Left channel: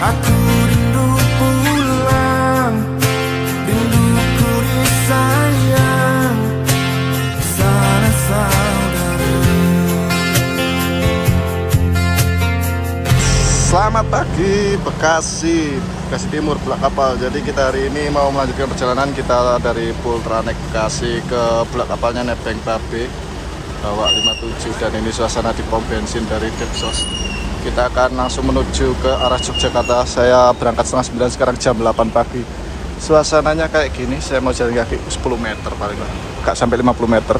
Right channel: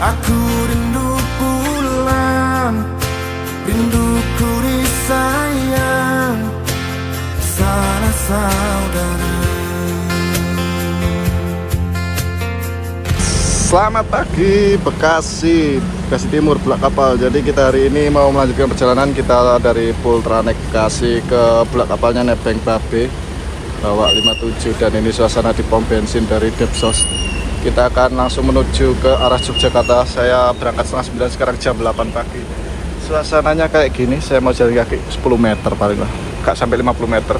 Aku rindu pulang, rinduku disayang sana saudara. Selamat pagi Bekasi Timur, Bulak Kapal. Jadi kita hari ini mau melanjutkan perjalanan kita dari Pultranek Bekasi ke Bulak Kapalnya Nebeng Babe bawa 57, dan ini suasana di pom bensin dari Depsos. Kita akan langsung menuju ke arah Yogyakarta. Saya berangkat setengah 9, sekarang jam 8 pagi. Suasananya kayak gini, saya mau jalan kaki 10 meter paling lah, gak sampai 50 meter.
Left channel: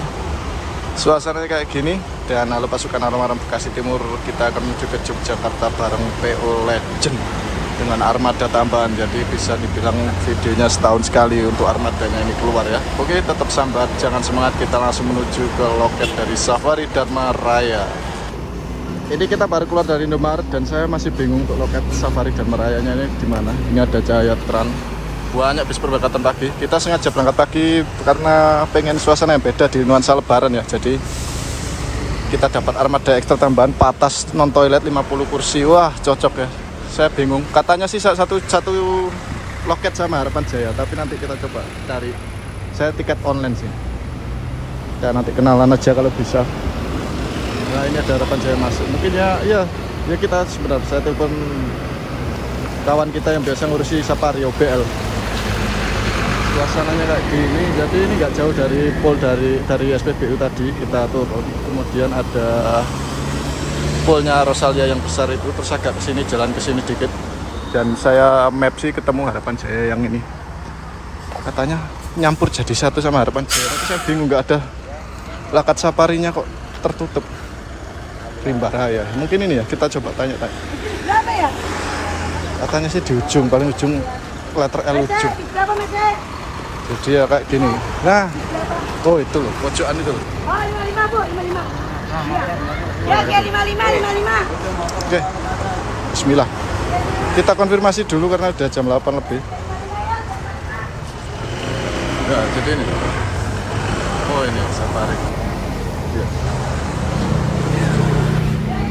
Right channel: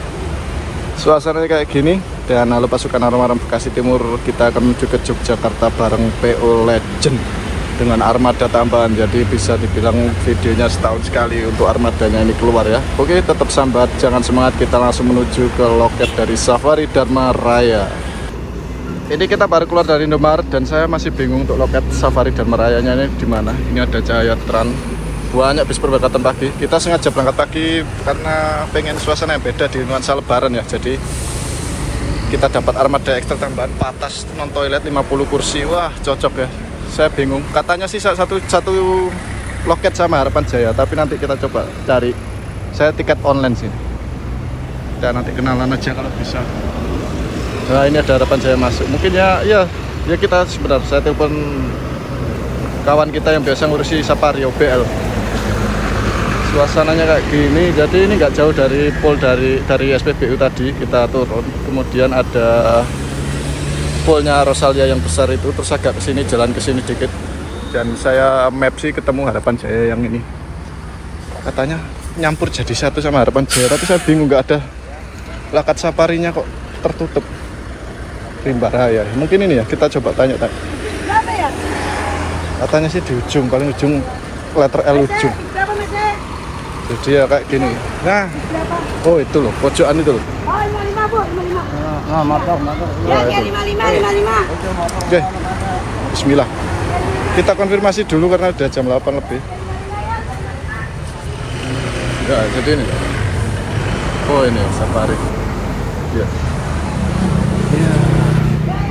Suasananya kayak gini, dan lalu pasukan Armada Bekasi Timur kita akan menuju ke Yogyakarta bareng PO Legend dengan armada tambahan. Jadi bisa dibilang videonya setahun sekali untuk armadanya ini keluar ya. Oke, tetap sambat, jangan semangat, kita langsung menuju ke loket dari Safari Dharma Raya. Ini kita baru keluar dari Indomaret dan saya masih bingung untuk loket Safari Dharma Rayanya ini di mana. Ini ada Cahaya Tran. Banyak bis berangkatan pagi. Kita sengaja berangkat pagi karena pengen suasana yang beda di nuansa lebaran ya. Jadi kita dapat armada ekstra tambahan, patas, non toilet, 50 kursi. Wah, cocok ya. Saya bingung. Katanya sih satu loket sama Harapan Jaya, tapi nanti kita coba cari. Saya tiket online sih. Dan nanti kenalan aja kalau bisa. Nah, ini ada Harapan Jaya masuk. Mungkin ya kita sebenarnya saya telepon kawan kita yang biasa ngurusi Safari OBL. Suasananya kayak gini, jadi ini nggak jauh dari pol dari SPBU tadi kita turun, kemudian ada polnya Rosalia yang besar itu, terus agak kesini, jalan kesini dikit, dan saya map sih ketemu Harapan Jaya yang ini, katanya nyampur jadi satu sama Harapan Jaya, tapi saya bingung, nggak ada lakat safarinya kok tertutup. Rimba Raya, mungkin ini ya, kita coba tanya-tanya. Katanya sih di ujung, paling ujung, letter L ujung. Jadi ya kayak gini. Nah, oh itu loh, pojokan itu loh. Oh, 55 Bu, 55. Nah, maaf. Ya, 55. Oke, bismillah. Kita konfirmasi dulu karena udah jam 8 lebih. Ya, jadi ini. Oh ini Safari. Ya.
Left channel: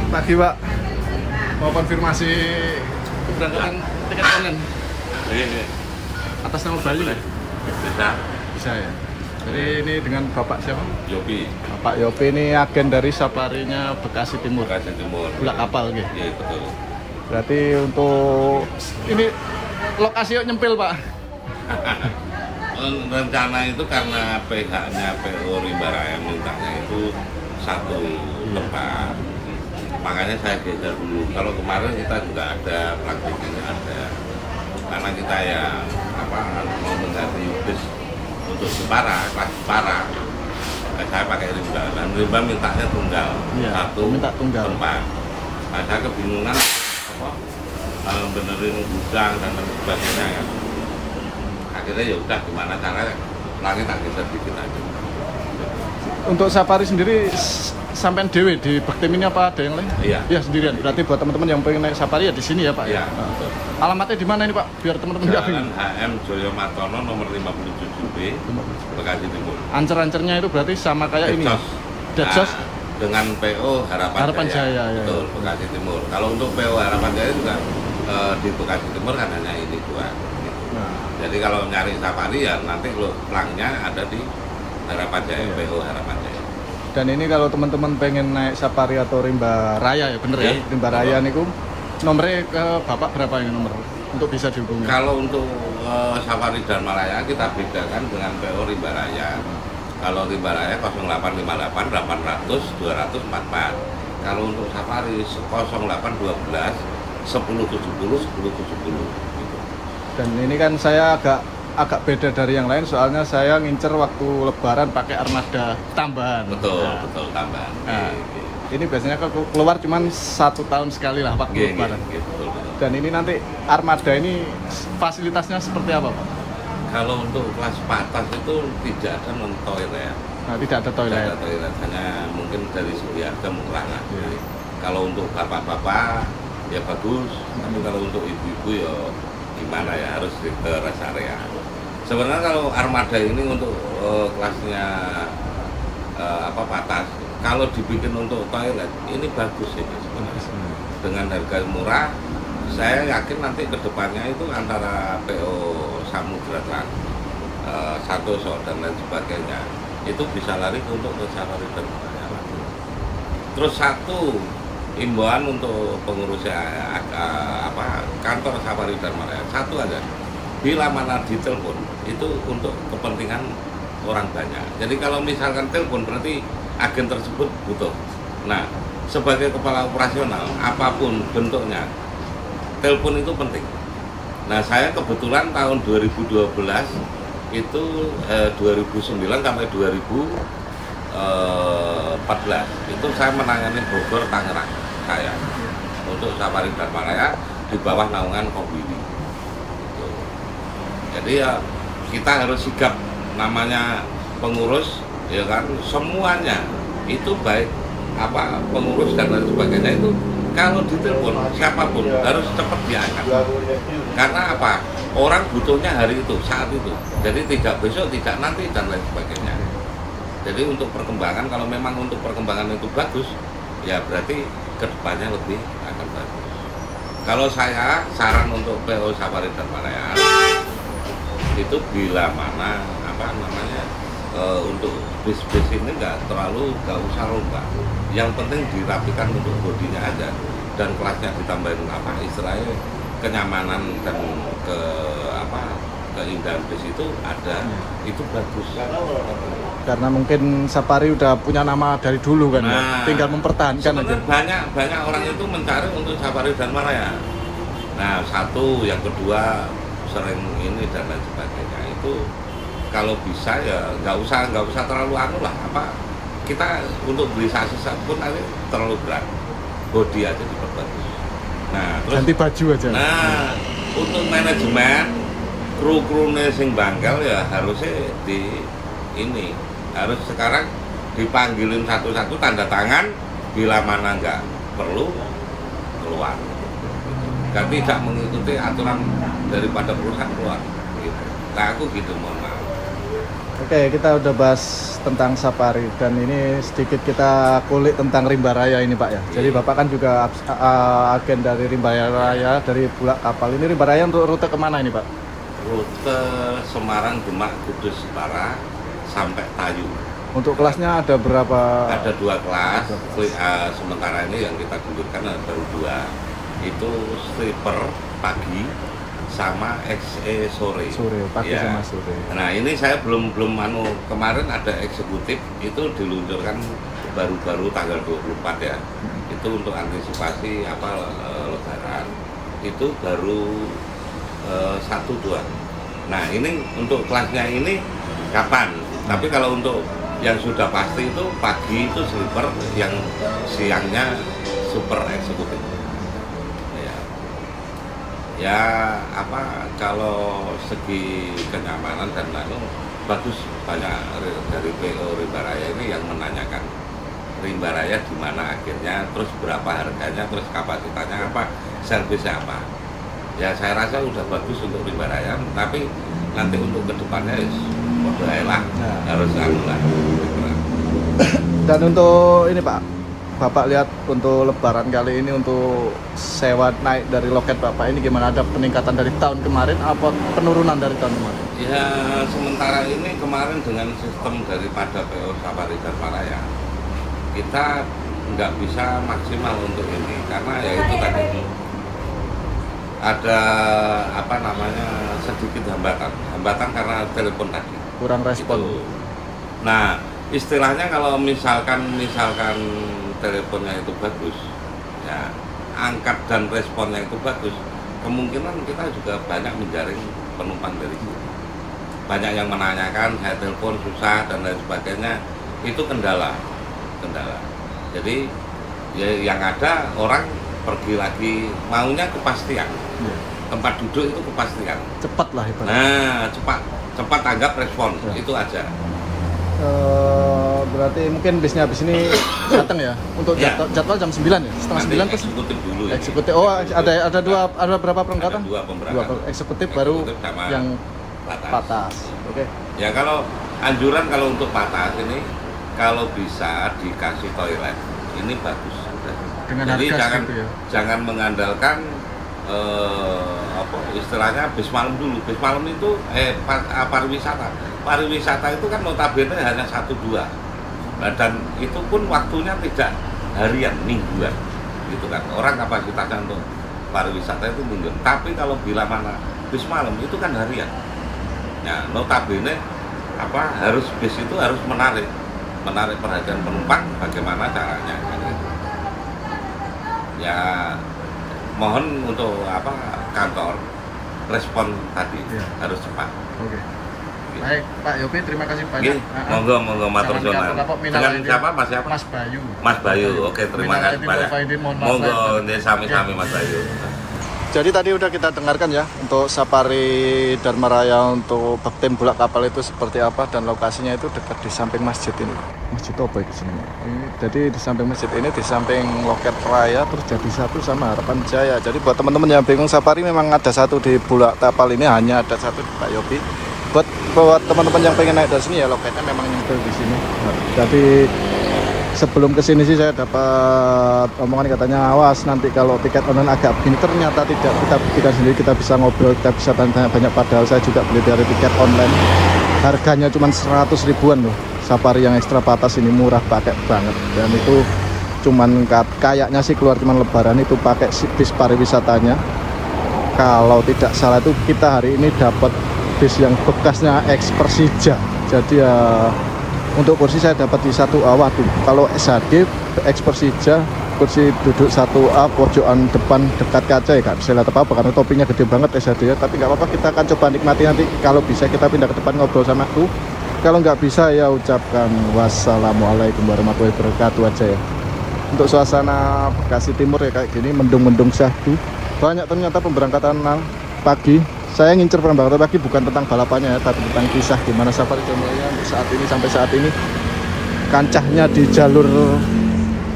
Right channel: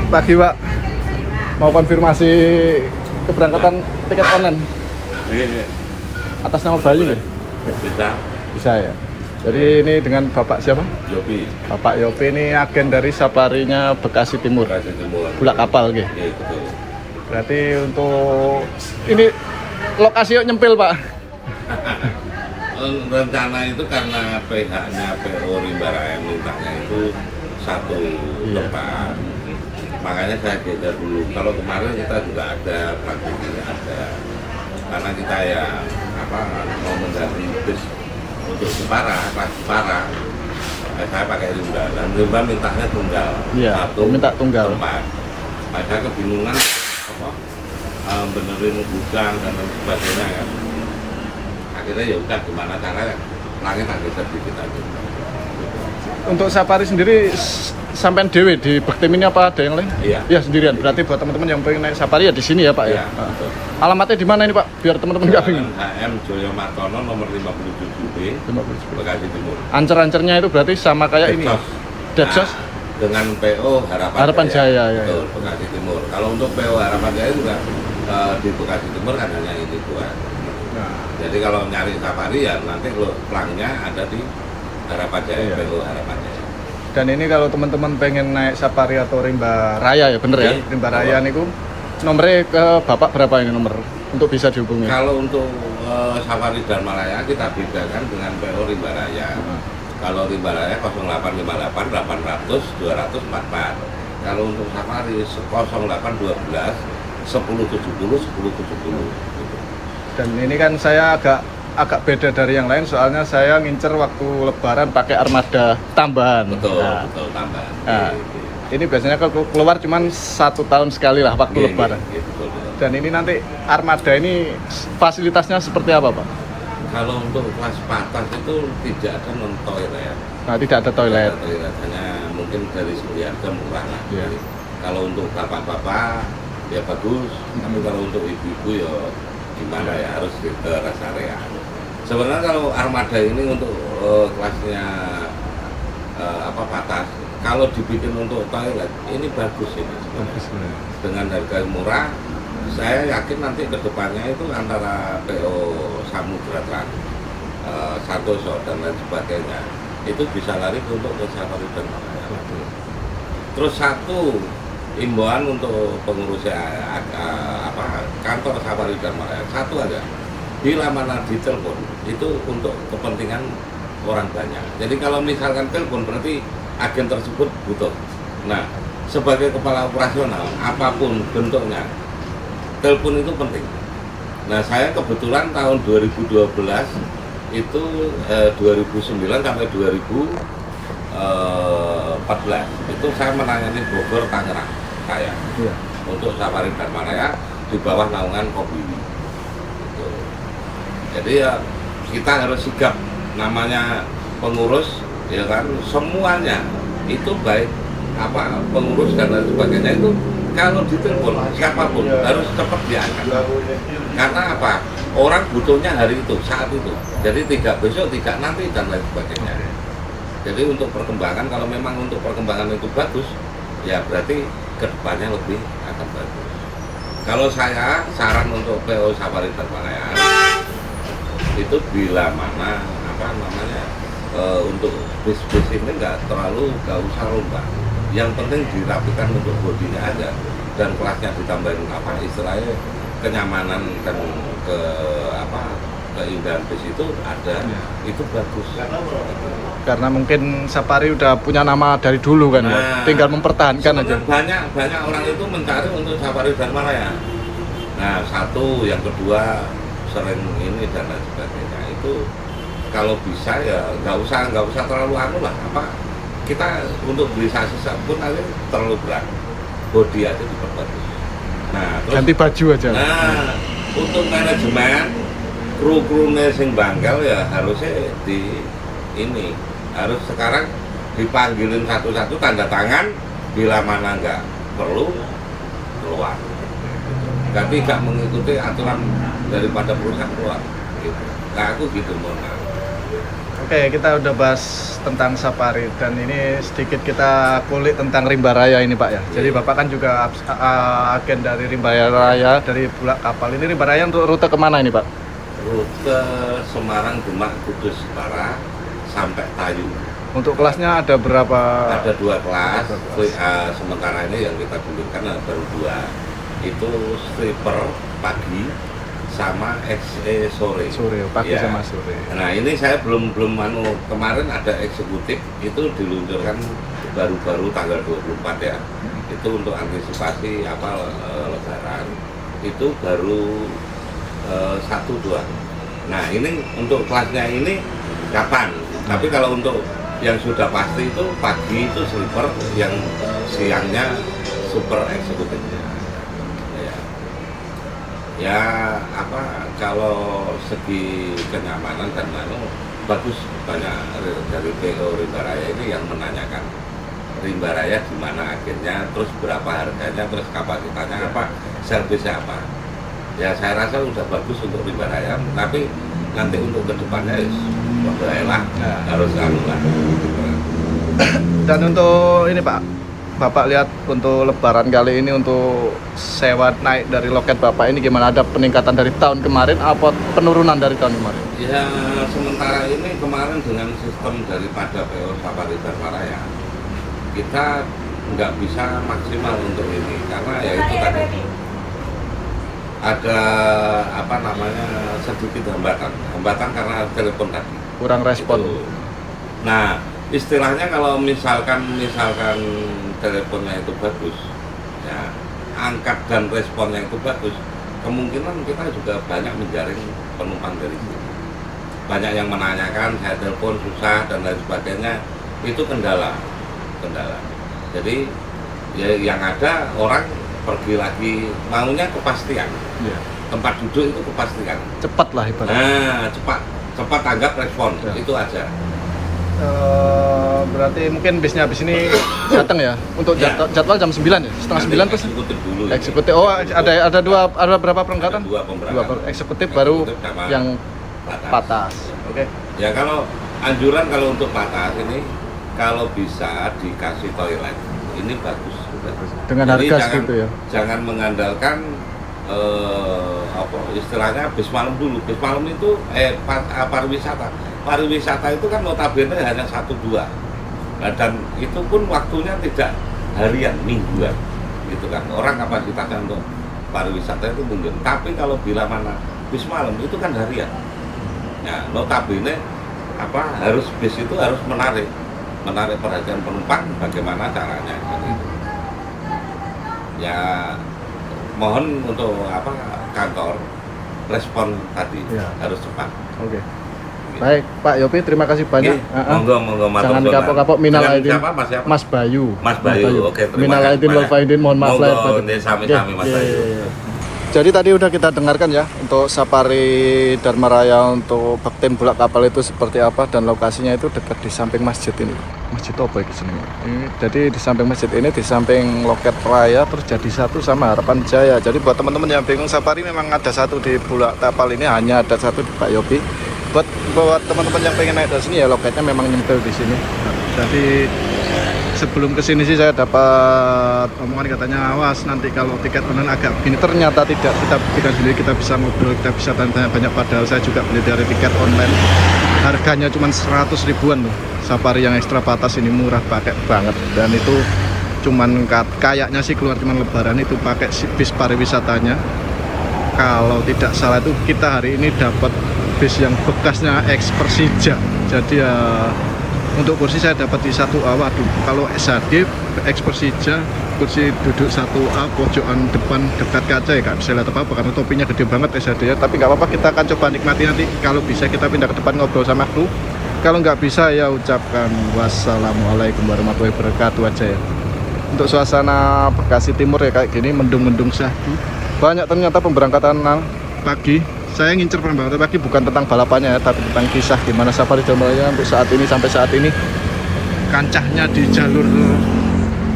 Pagi Pak, mau konfirmasi keberangkatan tiket online. Atas nama Bayu ya? Bisa ya. Jadi ini dengan Bapak siapa? Yopi. Bapak Yopi ini agen dari Safarinya Bekasi Timur. Bulak Kapal gitu. Iya, betul. Berarti untuk ini lokasi yuk nyempil Pak. Rencana itu karena PH-nya PO Rimba Raya mintanya itu satu tempat. Makanya saya geser dulu. Kalau kemarin kita juga ada, praktiknya ada. Karena kita ya mau mengganti bis untuk Jepara, kelas Jepara, saya pakai Rimba, dan Rimba mintanya tunggal, minta tunggal tempat. Nah, saya kebingungan benerin gudang dan sebagainya kan. Akhirnya ya udah, gimana cara langit tak geser dikit aja. Gitu. Untuk Safari sendiri sampai dewe di Bektim ini apa ada yang lain? Iya sendirian. Berarti buat teman-teman yang pengen naik Safari ya di sini ya Pak ya. Betul. Alamatnya di mana ini Pak? Biar teman-teman nggak bingung. HM Joyo Martono nomor 57B, Bekasi Timur. Ancer-ancernya itu berarti sama kayak ini. Depsos dengan PO Harapan Jaya. Betul, ya. Bekasi Timur. Kalau untuk PO Harapan Jaya juga di Bekasi Timur kan hanya ini dua. Nah. Jadi kalau nyari Safari ya nanti lo pelangnya ada di Harapan Jaya, PO Harapan Jaya. Dan ini kalau teman-teman pengen naik Safari atau Rimba Raya ya bener ya, Rimba Raya niku nomornya ke Bapak berapa ini nomor untuk bisa dihubungi? Kalau untuk Safari Dharma Raya kita bedakan dengan PO Rimba Raya. Kalau Rimba Raya 0858 800 244. Kalau untuk Safari 0812 1070 1070 gitu. Dan ini kan saya agak beda dari yang lain, soalnya saya ngincer waktu lebaran pakai armada tambahan. Betul, tambahan. Nah, ini biasanya keluar cuman 1 tahun sekali lah waktu lebaran. Betul. Dan ini nanti armada ini fasilitasnya seperti apa Pak? Kalau untuk kelas patas itu tidak ada non toilet. Nah, tidak ada toilet. Hanya mungkin dari segi harga murah lah. Kalau untuk bapak-bapak ya bagus, tapi kalau untuk ibu-ibu ya gimana ya, harus ke rest area. Sebenarnya kalau armada ini untuk kelasnya batas. Kalau dibikin untuk toilet ini bagus ini sebenarnya. Dengan harga murah, saya yakin nanti kedepannya itu antara PO Samudra Trans, Santoso dan lain sebagainya itu bisa lari untuk ke Safari dan Malaya. Terus satu imbauan untuk pengurus kantor Safari dan Malaya, satu aja, bila mana ditelepon itu untuk kepentingan orang banyak. Jadi kalau misalkan telepon berarti agen tersebut butuh. Nah, sebagai kepala operasional apapun bentuknya, telepon itu penting. Nah, saya kebetulan tahun 2012 itu 2009 sampai 2014 itu saya menangani Bogor Tangerang saya untuk Safari dan Malaya di bawah naungan Kombini. Gitu. Jadi ya kita harus sigap, namanya pengurus ya kan, semuanya itu baik pengurus dan lain sebagainya itu kalau ditelepon siapapun harus cepat diangkat. Karena apa? Orang butuhnya hari itu, saat itu. Jadi tidak besok, tidak nanti dan lain sebagainya. Jadi untuk perkembangan, kalau memang untuk perkembangan itu bagus, ya berarti kedepannya lebih akan bagus. Kalau saya saran untuk PO Safari dan Malaya itu bila mana untuk bis-bis ini nggak usah lomba. Yang penting dirapikan untuk bodinya aja dan kelasnya ditambahin istilahnya kenyamanan dan keindahan bis itu ada, itu bagus. Karena mungkin Safari udah punya nama dari dulu kan, tinggal mempertahankan aja. Banyak orang itu mencari untuk Safari dan Malaya. Nah, satu, yang kedua sering ini dan lain sebagainya itu kalau bisa ya nggak usah terlalu kita untuk beli sasis pun nanti terlalu berat, bodi aja diperbaiki. Nah, terus ganti baju aja. Nah, untuk manajemen kru-krune sing bangkel ya harusnya harus sekarang dipanggilin satu-satu, tanda tangan, bila mana nggak perlu keluar. Kan tidak mengikuti aturan daripada perusahaan keluar. Gitu. Nah, aku gitu, mohon maaf. Oke, kita udah bahas tentang Safari dan ini sedikit kita kulik tentang Rimba Raya ini Pak ya. Jadi Bapak kan juga agen dari Rimba Raya, dari Bulak Kapal. Ini Rimba Raya untuk rute kemana ini Pak? Rute Semarang, Demak, Kudus, Jepara sampai Tayu. Untuk kelasnya ada berapa? Ada 2 kelas. Sementara ini yang kita gulirkan baru 2. Itu sleeper pagi sama sore. Pagi ya. Sama sore. Nah, ini saya belum kemarin ada eksekutif itu diluncurkan baru-baru tanggal 24 ya. Itu untuk antisipasi lebaran. Itu baru 1-2. Nah, ini untuk kelasnya ini kapan? Tapi kalau untuk yang sudah pasti itu pagi itu sleeper, yang siangnya super eksekutif. Ya kalau segi kenyamanan dan bagus, banyak dari PO Rimba Raya ini yang menanyakan Rimba Raya di mana agennya, terus berapa harganya, terus kapasitasnya servisnya apa. Ya saya rasa udah bagus untuk Rimba Raya, tapi nanti untuk kedepannya lah harus lah. Dan untuk ini Pak, Bapak lihat untuk lebaran kali ini untuk sewa naik dari loket Bapak ini gimana? Ada peningkatan dari tahun kemarin apa penurunan dari tahun kemarin? Ya sementara ini kemarin dengan sistem daripada PO Safari dan Malaya kita nggak bisa maksimal untuk ini karena ya itu tadi ada sedikit hambatan karena telepon tadi kurang respon. Itu. Nah, istilahnya kalau misalkan teleponnya itu bagus, ya angkat dan responnya itu bagus, kemungkinan kita juga banyak menjaring penumpang dari sini. Banyak yang menanyakan, saya telepon susah dan lain sebagainya, itu kendala. Jadi ya yang ada orang pergi lagi maunya kepastian. Ya. Tempat duduk itu kepastian. Cepat lah ibaratnya. Nah, cepat tanggap respon, ya. Itu aja. Berarti mungkin bisnya habis ini datang ya untuk jadwal jam 9 ya, setengah 9 terus eksekutif dulu ya. Eksekutif. Oh, ada berapa perangkatan? Dua eksekutif baru yang patas. Oke. Ya kalau anjuran kalau untuk patas ini kalau bisa dikasih toilet ini bagus sudah. Dengan jadi harga jangan, segitu ya. Jangan mengandalkan apa istilahnya bis malam dulu. Bis malam itu pariwisata itu kan notabene hanya 1-2. Nah, dan itu pun waktunya tidak harian, mingguan gitu kan. Orang kapasitasnya untuk pariwisata itu mingguan. Tapi kalau bila mana bis malam itu kan harian. Nah, notabene bis itu harus menarik perhatian penumpang, bagaimana caranya gitu. Ya mohon untuk kantor respon tadi harus cepat. Oke. Baik, Pak Yopi, terima kasih banyak. Monggo matur nuwun. Jangan kapok-kapok minal aidin. Siapa Mas siapa? Mas Bayu. Mas Bayu. Oke, terima kasih banyak. Mohon maaf. Monggo sami-sami Mas Bayu. Jadi tadi udah kita dengarkan ya untuk safari Dharma Raya untuk tim bulak kapal itu seperti apa, dan lokasinya itu dekat di samping masjid ini. Masjid apa ini senengnya? Jadi di samping masjid ini, di samping loket raya, terus jadi satu sama Harapan Jaya. Jadi buat teman-teman yang bingung, safari memang ada satu di bulak kapal ini, hanya ada satu di Pak Yopi. Buat teman-teman yang pengen naik dari sini ya, loketnya memang nyempil di sini. Jadi sebelum kesini sih saya dapat omongan katanya, awas nanti kalau tiket online agak begini. Ternyata tidak, kita buktikan sendiri, kita bisa ngobrol, kita bisa tanya banyak. Padahal saya juga beli dari tiket online, harganya cuma 100 ribuan loh. Safari yang ekstra batas ini murah, pakai banget. Dan itu cuman kayaknya sih keluar cuman lebaran itu pakai bis pariwisatanya. Kalau tidak salah itu kita hari ini dapat bis yang bekasnya ex Persija. Jadi ya untuk kursi saya dapat di 1A. Waduh, kalau SHD ex Persija, kursi duduk 1A, pojokan depan dekat kaca ya, kan saya lihat apa karena topinya gede banget SHD ya. Tapi nggak apa-apa, kita akan coba nikmati nanti. Kalau bisa kita pindah ke depan ngobrol sama kru. Kalau nggak bisa ya ucapkan wassalamualaikum warahmatullahi wabarakatuh aja ya. Untuk suasana Bekasi Timur ya kayak gini, mendung-mendung syahdu. Banyak ternyata pemberangkatan pagi. Saya ngincer pemberangkatan pagi bukan tentang balapannya ya, tapi tentang kisah gimana safari Dharma Raya untuk saat ini, sampai saat ini kancahnya di jalur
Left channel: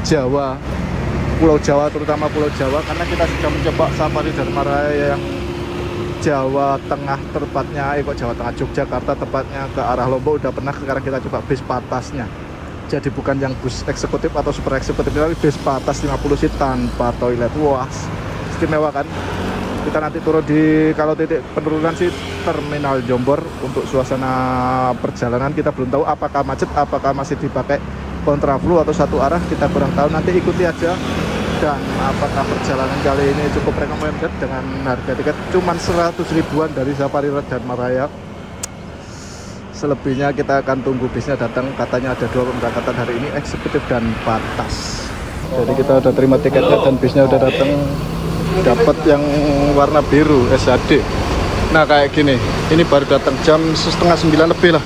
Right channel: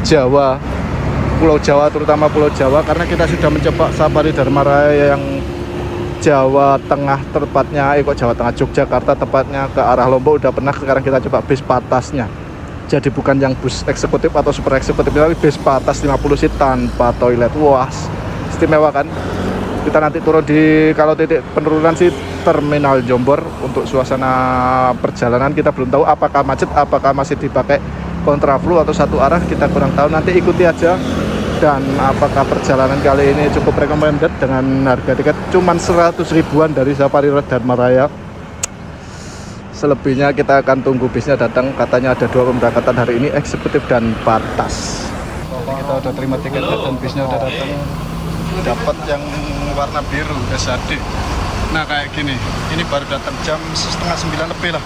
Jawa, Pulau Jawa, terutama Pulau Jawa, karena kita sudah mencoba safari Dharma Raya yang Jawa Tengah, tepatnya kok Jawa Tengah, Yogyakarta, tepatnya ke arah Lombok udah pernah. Sekarang kita coba bis patasnya, jadi bukan yang bus eksekutif atau super eksekutif, tapi bis patas 50 seat tanpa toilet. Wah, istimewa kan. Kita nanti turun di, kalau titik penurunan sih Terminal Jombor. Untuk suasana perjalanan kita belum tahu apakah macet, apakah masih dipakai kontraflow atau satu arah, kita kurang tahu. Nanti ikuti aja. Dan apakah perjalanan kali ini cukup recommended dengan harga tiket cuman 100 ribuan dari Safari Dharma Raya. Selebihnya kita akan tunggu bisnya datang. Katanya ada 2 pemberangkatan hari ini, eksekutif dan batas. Jadi kita udah terima tiketnya dan bisnya udah datang. Dapat yang warna biru SHD. Nah kayak gini, ini baru datang jam 8:30 lebih lah.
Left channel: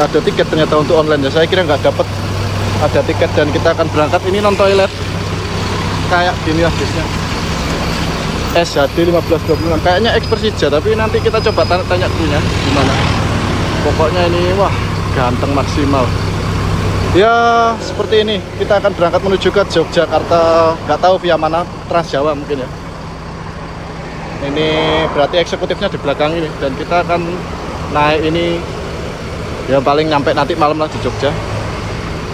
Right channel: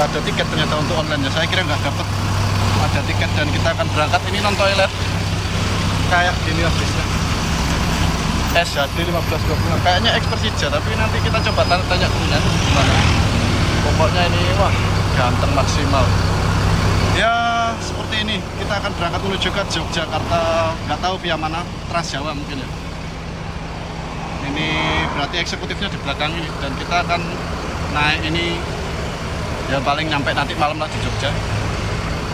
Ada tiket ternyata untuk online ya. Saya kira nggak dapat ada tiket, dan kita akan berangkat ini non toilet. Kayak gini lah bisnya. SHD 1526. Kayaknya ex Persija, tapi nanti kita coba tanya dulu ya gimana. Pokoknya ini wah ganteng maksimal. Ya seperti ini, kita akan berangkat menuju ke Yogyakarta. Nggak tahu via mana, Trans Jawa mungkin ya. Ini berarti eksekutifnya di belakang ini, dan kita akan naik ini ya paling nyampe nanti malam lah di Jogja.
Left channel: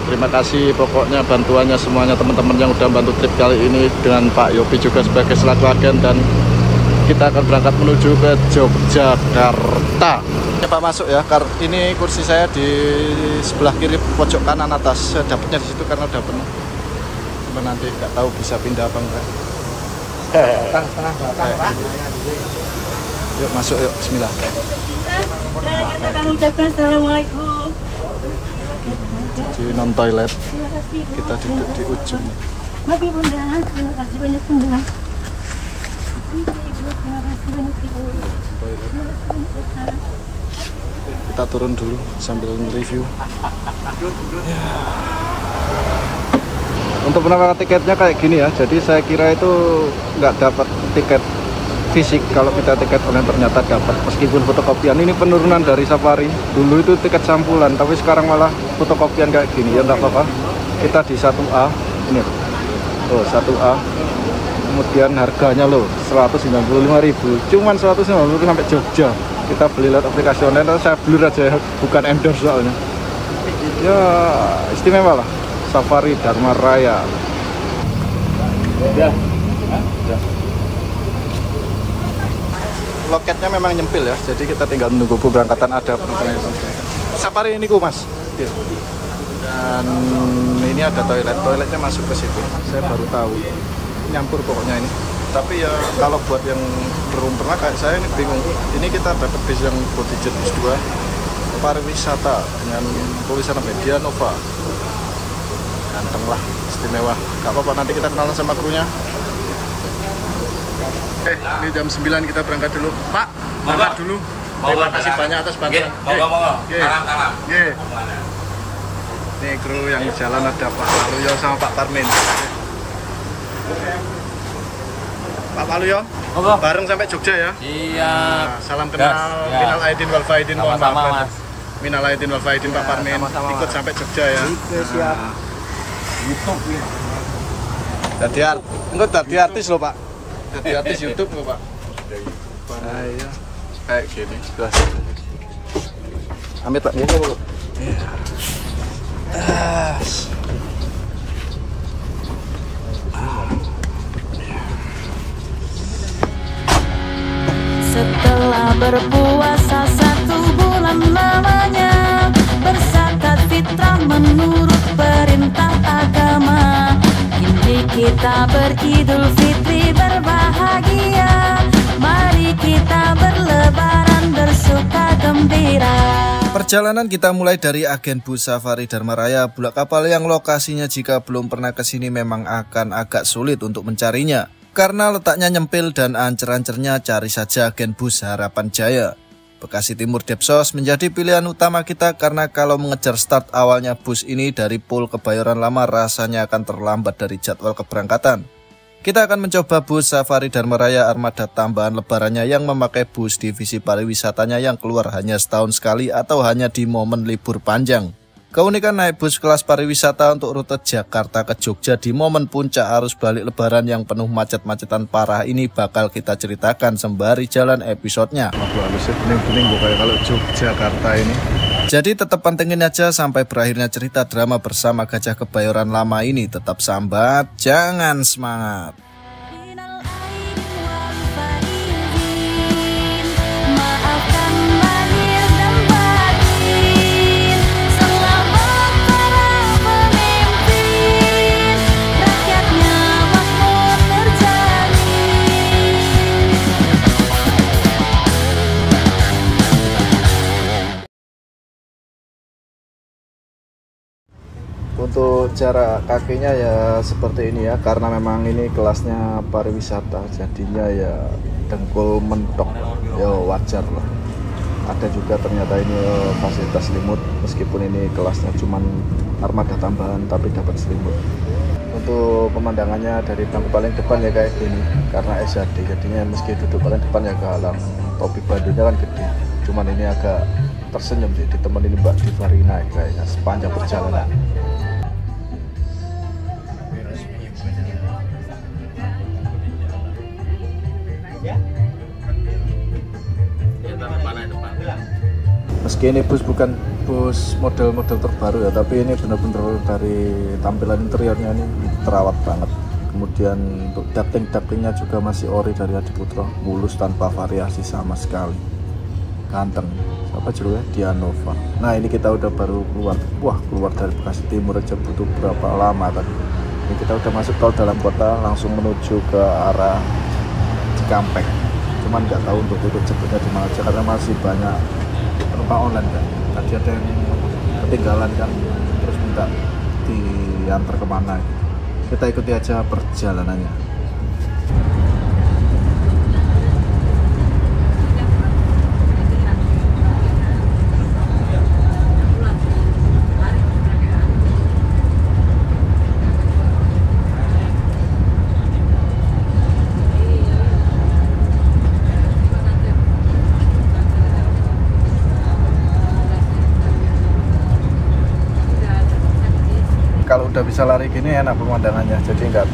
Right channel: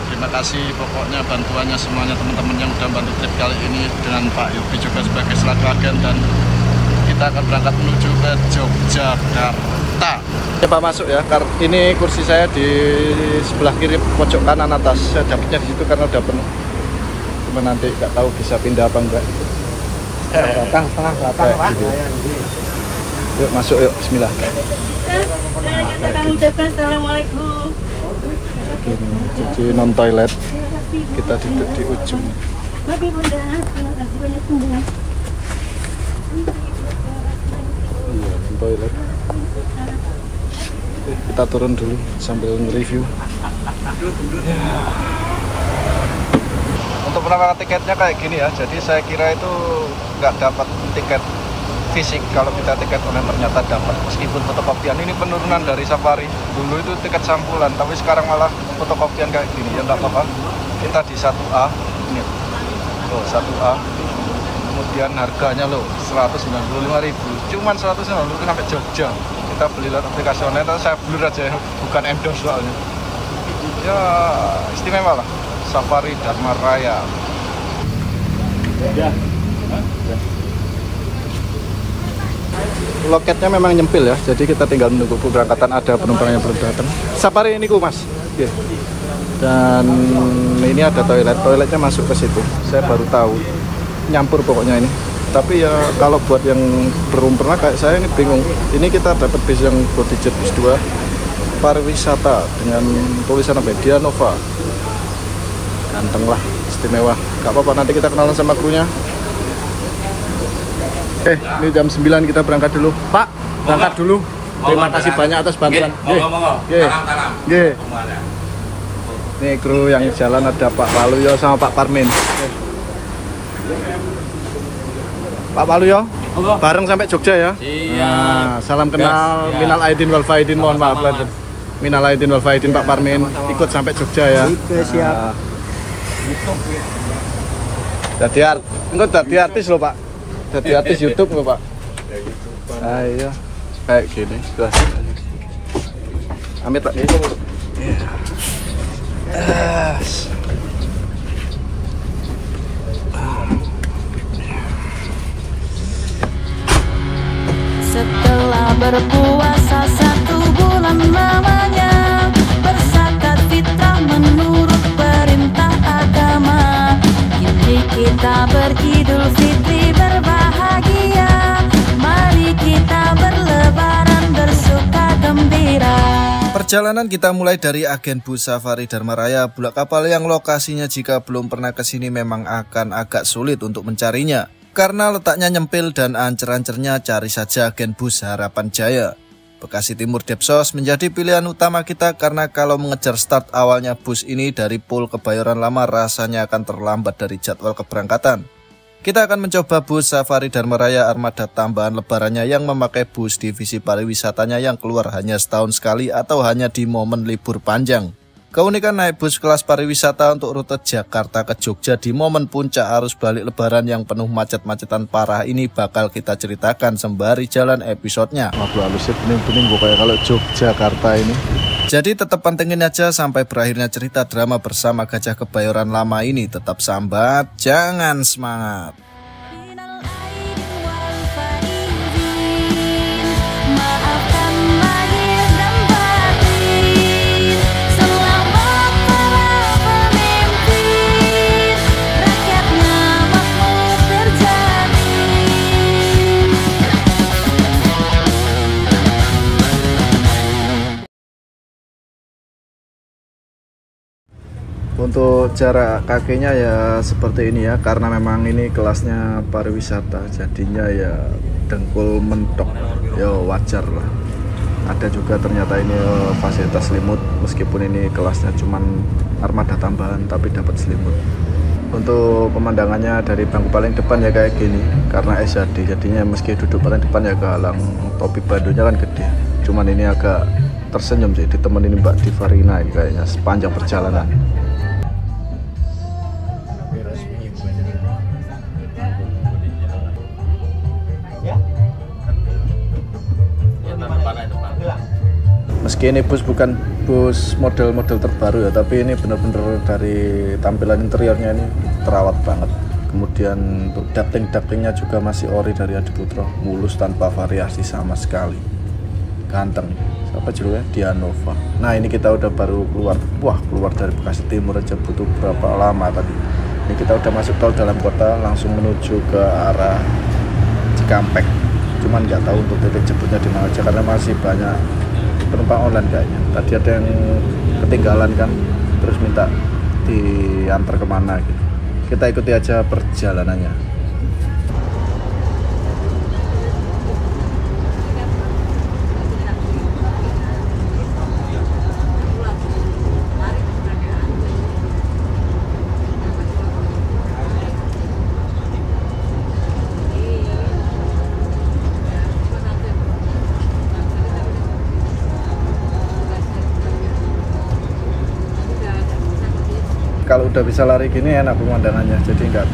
Terima kasih pokoknya bantuannya semuanya teman-teman yang udah bantu trip kali ini, dengan Pak Yopi juga sebagai selaku agen, dan kita akan berangkat menuju ke Yogyakarta. Pak masuk ya, ini kursi saya di sebelah kiri pojok kanan atas. Saya dapatnya di situ karena udah penuh. Cuma nanti nggak tahu bisa pindah apa enggak. Kayak gitu. Yuk masuk yuk, bismillah. Kami ucapkan assalamualaikum. Jadi non toilet, kita duduk di ujung. Nabi Bunda, terima kasih banyak Bunda. Toilet. Kita turun dulu sambil nge-review. Ya. Untuk penawaran tiketnya kayak gini ya. Jadi saya kira itu nggak dapat tiket fisik. Kalau kita tiket online ternyata dapat, meskipun fotokopian. Ini penurunan dari Safari. Dulu itu tiket sampulan, tapi sekarang malah fotokopian kayak gini. Ya nggak apa-apa. Kita di 1A. Ini loh, 1A. Kemudian harganya loh 195.000. Cuman 195 sampai Jogja. Kita beli lewat aplikasi online. Saya blur aja ya, bukan endorse soalnya. Ya istimewa Safari Dharma Raya. Ya. Loketnya memang nyempil ya, jadi kita tinggal menunggu keberangkatan, ada penumpang yang baru datang. Safari ini Mas. Yeah. Dan ini ada toiletnya masuk ke situ. Saya baru tahu, nyampur pokoknya ini. Tapi ya kalau buat yang belum pernah kayak saya ini bingung. Ini kita dapat bis yang Bodyjet bis 2 pariwisata dengan tulisan apa? Dianova. Ganteng lah, istimewa. Gak apa-apa, nanti kita kenalan sama krunya. Ini jam 9 kita berangkat dulu. Pak, berangkat dulu. Terima kasih banyak atas bantuan. Ini kru yang jalan ada Pak Waluyo sama Pak Parmin. Pak Waluyo, bareng sampai Jogja ya? Iya. Nah, salam kenal. Minal aidin wal faidin, mohon maaf. Minal aidin wal faidin Pak Parmin. Ikut sampai Jogja ya. Jadi artis loh Pak. Jadi artis YouTube loh Pak. Ayo, kayak gini. Amit Pak. Iya. Setelah berpuasa 1 bulan lamanya, berzakat fitrah menurut perintah agama. Kini kita beridul fitri berbahagia. Mari kita berlebaran bersuka gembira. Perjalanan kita mulai dari agen bus Safari Dharma Raya Bulak Kapal yang lokasinya jika belum pernah kesini memang akan agak sulit untuk mencarinya. Karena letaknya nyempil dan ancer-ancernya, cari saja agen bus Harapan Jaya. Bekasi Timur Depsos menjadi pilihan utama kita karena kalau mengejar start awalnya bus ini dari Pul Kebayoran Lama rasanya akan terlambat dari jadwal keberangkatan. Kita akan mencoba bus Safari Dharma Raya armada tambahan lebarannya yang memakai bus divisi pariwisatanya yang keluar hanya setahun sekali atau hanya di momen libur panjang. Keunikan naik bus kelas pariwisata untuk rute Jakarta ke Jogja di momen puncak arus balik lebaran yang penuh macet-macetan parah ini bakal kita ceritakan sembari jalan episodenya. Aduh, halusnya bening-bening kayak kalau Yogyakarta ini. Jadi tetap pantengin aja sampai berakhirnya cerita drama bersama Gajah Kebayoran Lama ini. Tetap sambat, jangan semangat. Maafkan lahir dan batin. Selamat para pemimpin. Rakyatnya makmur terjamin. Untuk jarak kakinya ya seperti ini ya, karena memang ini kelasnya pariwisata, jadinya ya dengkul mentok, ya wajar lah. Ada juga ternyata ini fasilitas selimut, meskipun ini kelasnya cuman armada tambahan tapi dapat selimut. Untuk pemandangannya dari bang paling depan ya kayak gini, karena SHD jadinya meski duduk paling depan ya agak alam. Topi bajunya kan gede, cuman ini agak tersenyum sih ditemenin Mbak Divarina kayaknya sepanjang perjalanan. Meski ini bus bukan bus model-model terbaru ya, tapi ini benar-benar dari tampilan interiornya ini terawat banget. Kemudian untuk ducting-ductingnya juga masih ori dari Adiputro, mulus tanpa variasi sama sekali. Ganteng, apa judulnya? Dianova. Nah ini kita udah baru keluar dari Bekasi Timur aja butuh berapa lama tadi. Ini kita udah masuk tol dalam kota langsung menuju ke arah Cikampek. Cuman nggak tahu untuk titik jemputnya di mana aja karena masih banyak penumpang online kayaknya. Tadi ada yang ketinggalan kan, terus minta diantar kemana gitu. Kita ikuti aja perjalanannya. Kalau udah bisa lari gini enak pemandangannya, jadi nggak